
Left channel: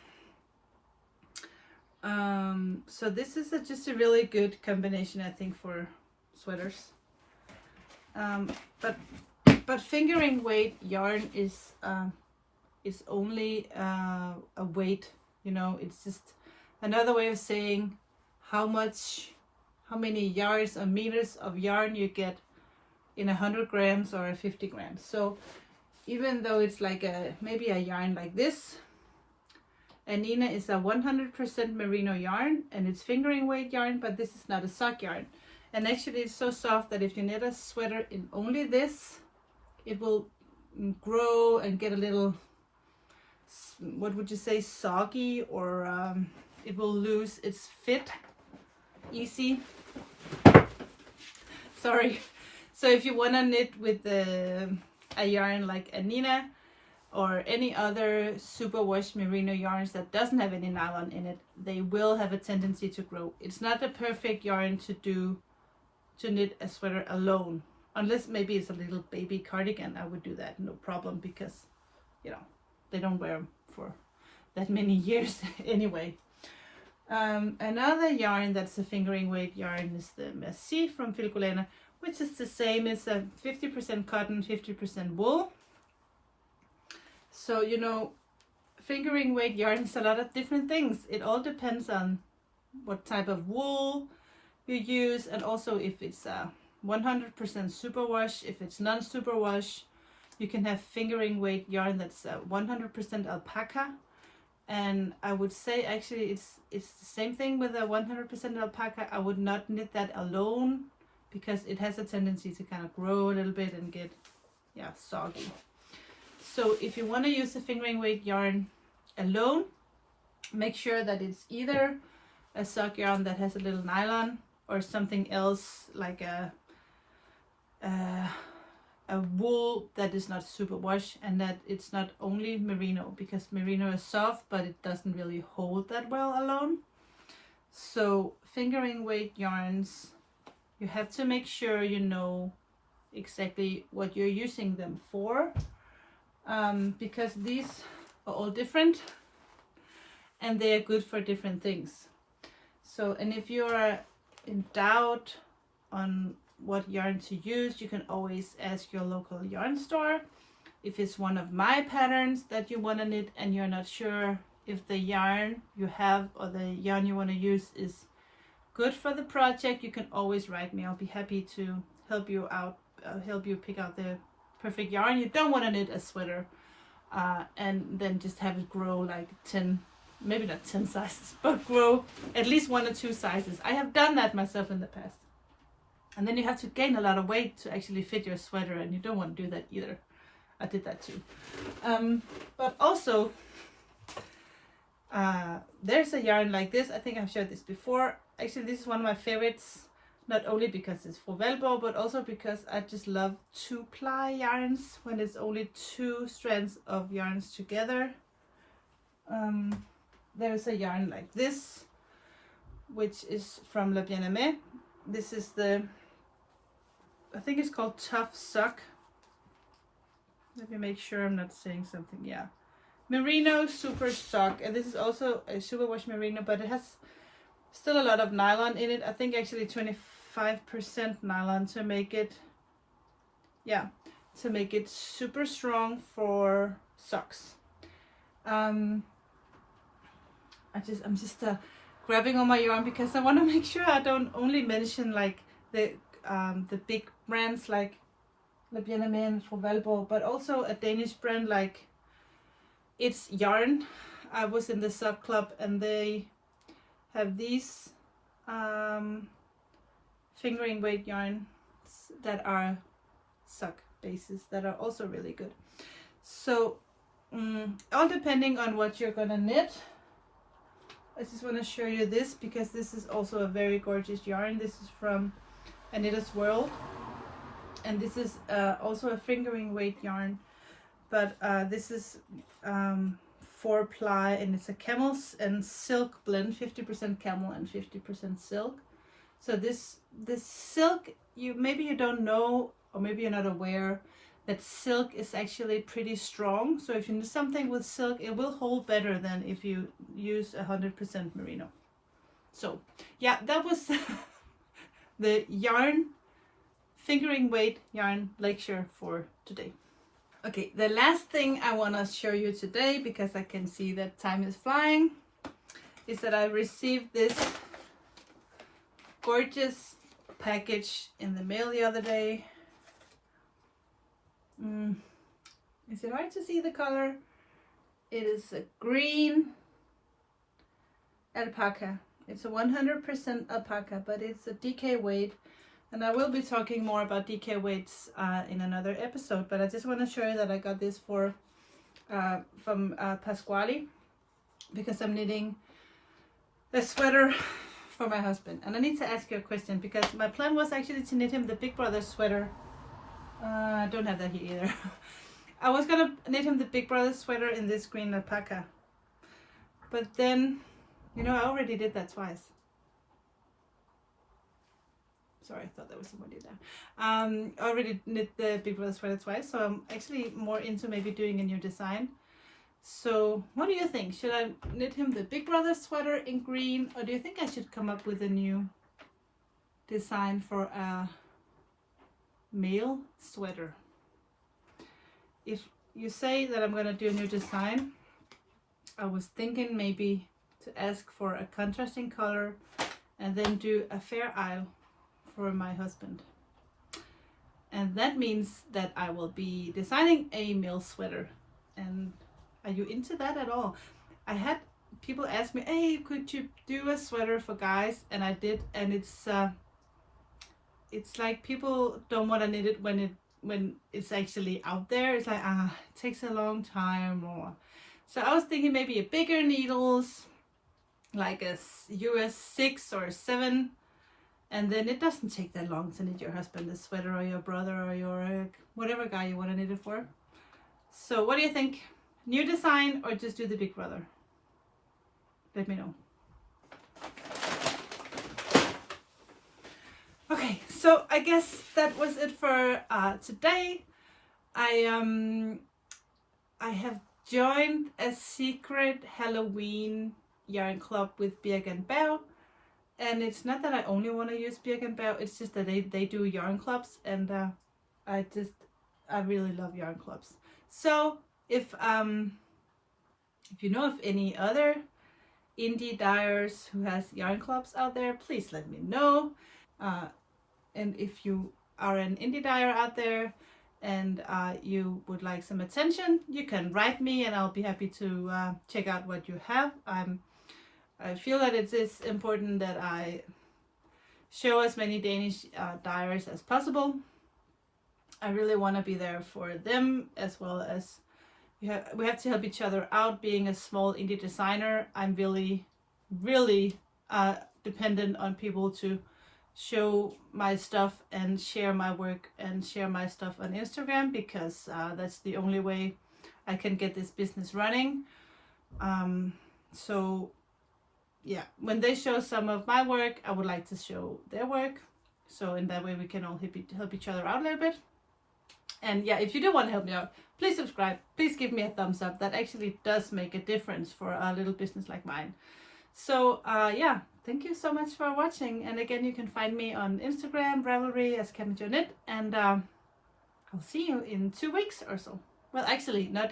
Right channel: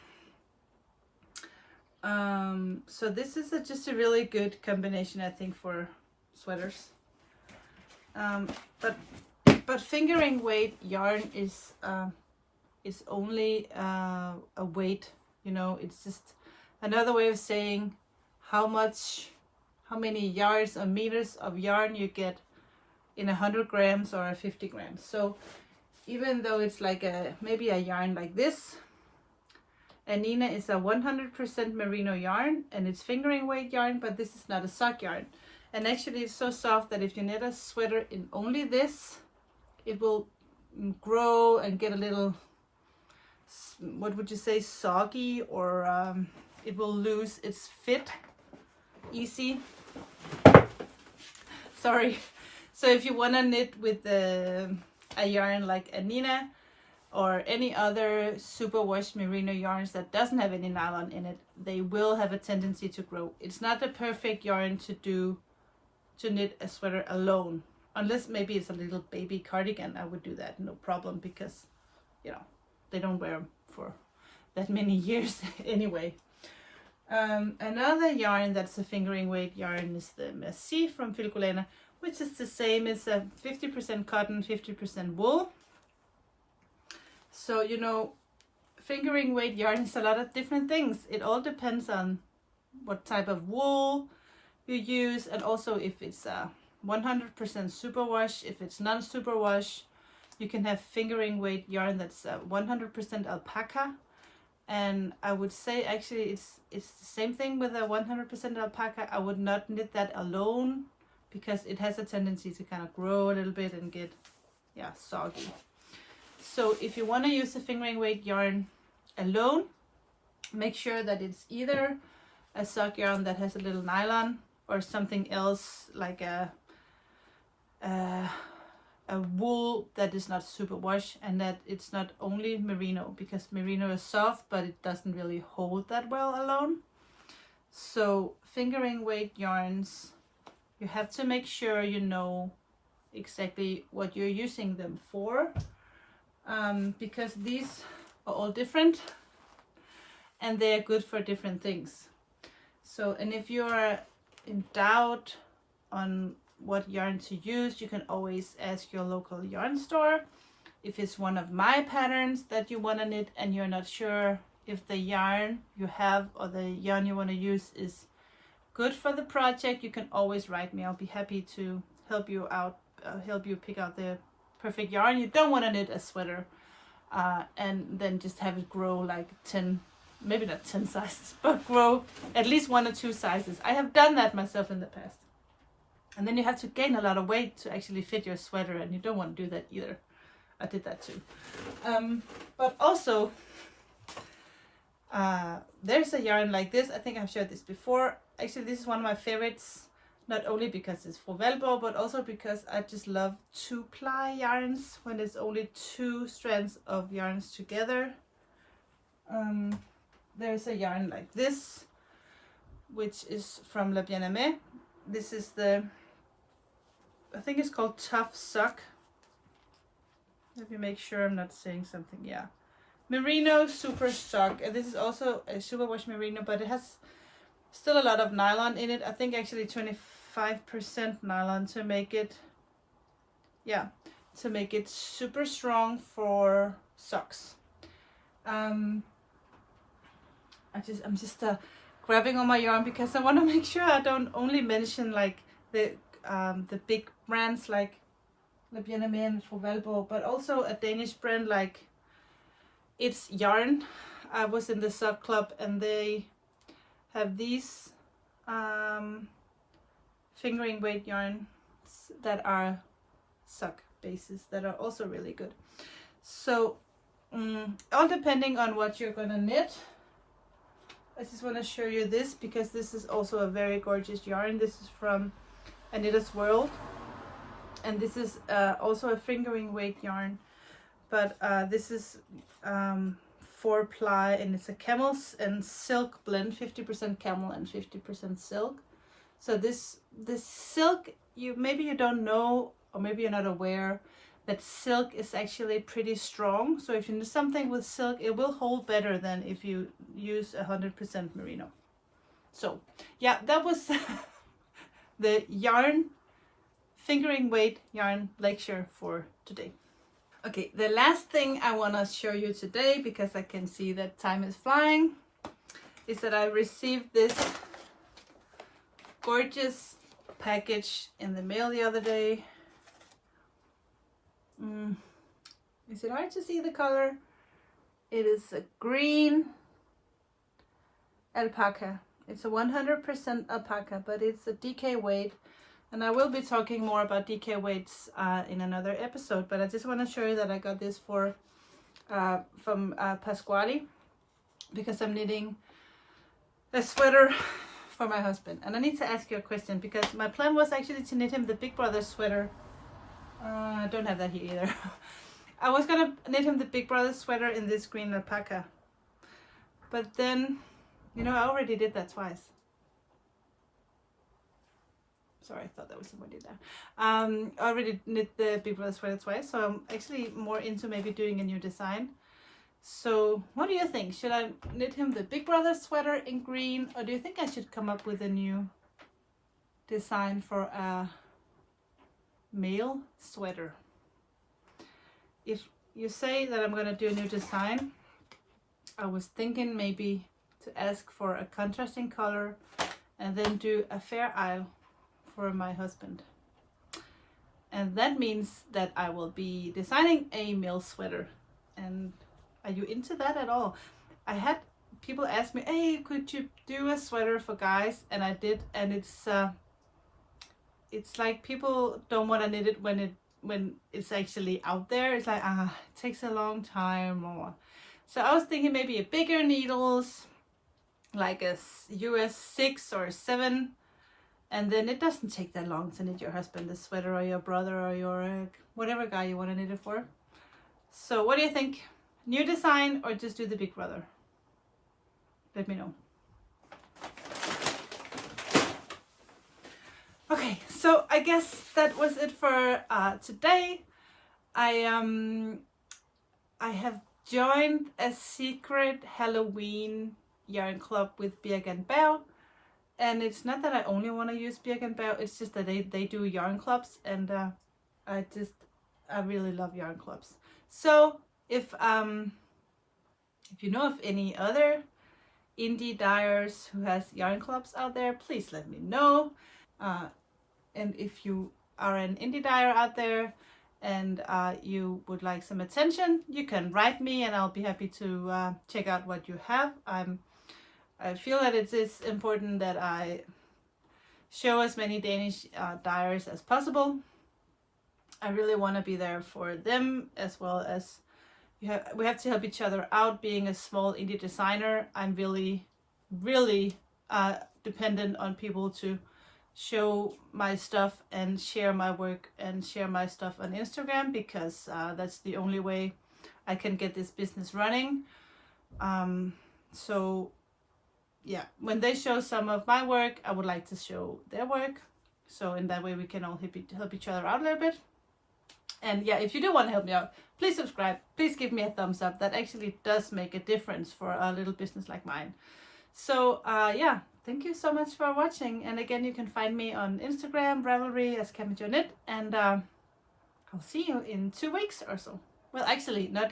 So this is just a really good combination, I think, for sweaters. But fingering weight yarn is only a weight, you know. It's just another way of saying how many yards or meters of yarn you get in 100 grams or 50 grams. So even though it's like maybe a yarn like this, Anina is a 100% merino yarn, and it's fingering weight yarn, but this is not a sock yarn. And actually it's so soft that if you knit a sweater in only this, it will grow and get a little, what would you say, soggy, or it will lose its fit. easy. Sorry. So if you want to knit with a yarn like Anina or any other superwash merino yarns that doesn't have any nylon in it, they will have a tendency to grow. It's not the perfect yarn to knit a sweater alone, unless maybe it's a little baby cardigan. I would do that, no problem, because you know they don't wear them for that many years anyway. Another yarn that's a fingering weight yarn is the Merci from Filcolena, which is the same. It's a 50% cotton, 50% wool. So, you know, fingering weight yarn is a lot of different things. It all depends on what type of wool you use, and also if it's a 100% superwash, if it's non-superwash. You can have fingering weight yarn that's 100% alpaca. And I would say actually it's the same thing with a 100% alpaca. I would not knit that alone, because it has a tendency to kind of grow a little bit and get, yeah, soggy. So if you want to use the fingering weight yarn alone, make sure that it's either a sock yarn that has a little nylon, or something else like a wool that is not superwash, and that it's not only merino, because merino is soft but it doesn't really hold that well alone. So fingering weight yarns, you have to make sure you know exactly what you're using them for, because these are all different and they are good for different things. So, and if you're in doubt on what yarn to use, you can always ask your local yarn store. If it's one of my patterns that you want to knit and you're not sure if the yarn you have or the yarn you want to use is good for the project, you can always write me. I'll be happy to help you out, help you pick out the perfect yarn. You don't want to knit a sweater and then just have it grow like 10, maybe not 10 sizes, but grow at least 1 or 2 sizes. I have done that myself in the past. And then you have to gain a lot of weight to actually fit your sweater, and you don't want to do that either. I did that too. But also, there's a yarn like this. I think I've showed this before. Actually, this is one of my favorites, not only because it's for velcro, but also because I just love 2-ply yarns when it's only 2 strands of yarns together. There's a yarn like this, which is from Le Bien-Aimé. This is the, I think it's called Tough Sock. Let me make sure I'm not saying something. Yeah, merino super sock, and this is also a superwash merino, but it has still a lot of nylon in it. I think actually 25% nylon to make it, yeah, to make it super strong for socks. I'm just grabbing on my yarn because I want to make sure I don't only mention like the big brands like Le Bien-Aimé and Ravelry, but also a Danish brand like It's Yarn. I was in the sock club and they have these fingering weight yarns that are sock bases that are also really good. So all depending on what you're gonna knit. I just want to show you this because this is also a very gorgeous yarn. This is from A Knitter's World, and this is also a fingering weight yarn, but this is 4-ply, and it's a camel and silk blend, 50% camel and 50% silk. So this silk, maybe you don't know, or maybe you're not aware that silk is actually pretty strong. So if you do something with silk, it will hold better than if you use 100% merino. So yeah, that was the yarn, fingering weight yarn lecture for today. Okay, the last thing I want to show you today, because I can see that time is flying, is that I received this gorgeous package in the mail the other day. Is it hard to see the color? It is a green alpaca. It's a 100% alpaca, but it's a DK weight, and I will be talking more about DK weights in another episode, but I just want to show you that I got this from Pasquale, because I'm knitting a sweater for my husband. And I need to ask you a question, because my plan was actually to knit him the Big Brother sweater. I don't have that here either. I was gonna knit him the Big Brother sweater in this green alpaca. But then, you know, I already did that twice. Sorry, I thought that was somebody there. I already knit the Big Brother sweater twice, so I'm actually more into maybe doing a new design. So what do you think? Should I knit him the Big Brother sweater in green, or do you think I should come up with a new design for a male sweater? If you say that I'm gonna do a new design, I was thinking maybe to ask for a contrasting color and then do a fair isle for my husband. And that means that I will be designing a male sweater. And are you into that at all? I had people ask me, hey, could you do a sweater for guys? And I did, and it's like people don't want to knit it when it's actually out there. It's like, it takes a long time. Or so I was thinking maybe a bigger needles, like a US 6 or 7, and then it doesn't take that long to knit your husband a sweater, or your brother, or your whatever guy you want to knit it for. So what do you think? New design or just do the Big Brother? Let me know. Okay, so I guess that was it for today. I have joined a secret Halloween yarn club with Birch and Bell, and it's not that I only want to use Birch and Bell, it's just that they do yarn clubs, and I really love yarn clubs. So if you know of any other indie dyers who has yarn clubs out there, please let me know. And if you are an indie dyer out there and you would like some attention, you can write me and I'll be happy to check out what you have. I feel that it is important that I show as many Danish dyers as possible. I really want to be there for them, as well as we have to help each other out. Being a small indie designer, I'm really dependent on people to show my stuff and share my work and share my stuff on Instagram, because that's the only way I can get this business running. So yeah, when they show some of my work, I would like to show their work, so in that way we can all help each other out a little bit. And yeah, if you do want to help me out, please subscribe, please give me a thumbs up. That actually does make a difference for a little business like mine. So yeah, thank you so much for watching. And again, you can find me on Instagram, Ravelry as CamijoKnit, and I'll see you in 2 weeks or so. Well, actually, not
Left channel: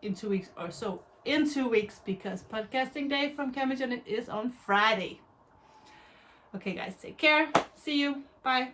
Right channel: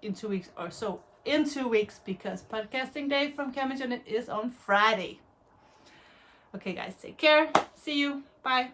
in 2 weeks or so, in 2 weeks, because podcasting day from CamijoKnit is on Friday. Okay guys, take care. See you. Bye.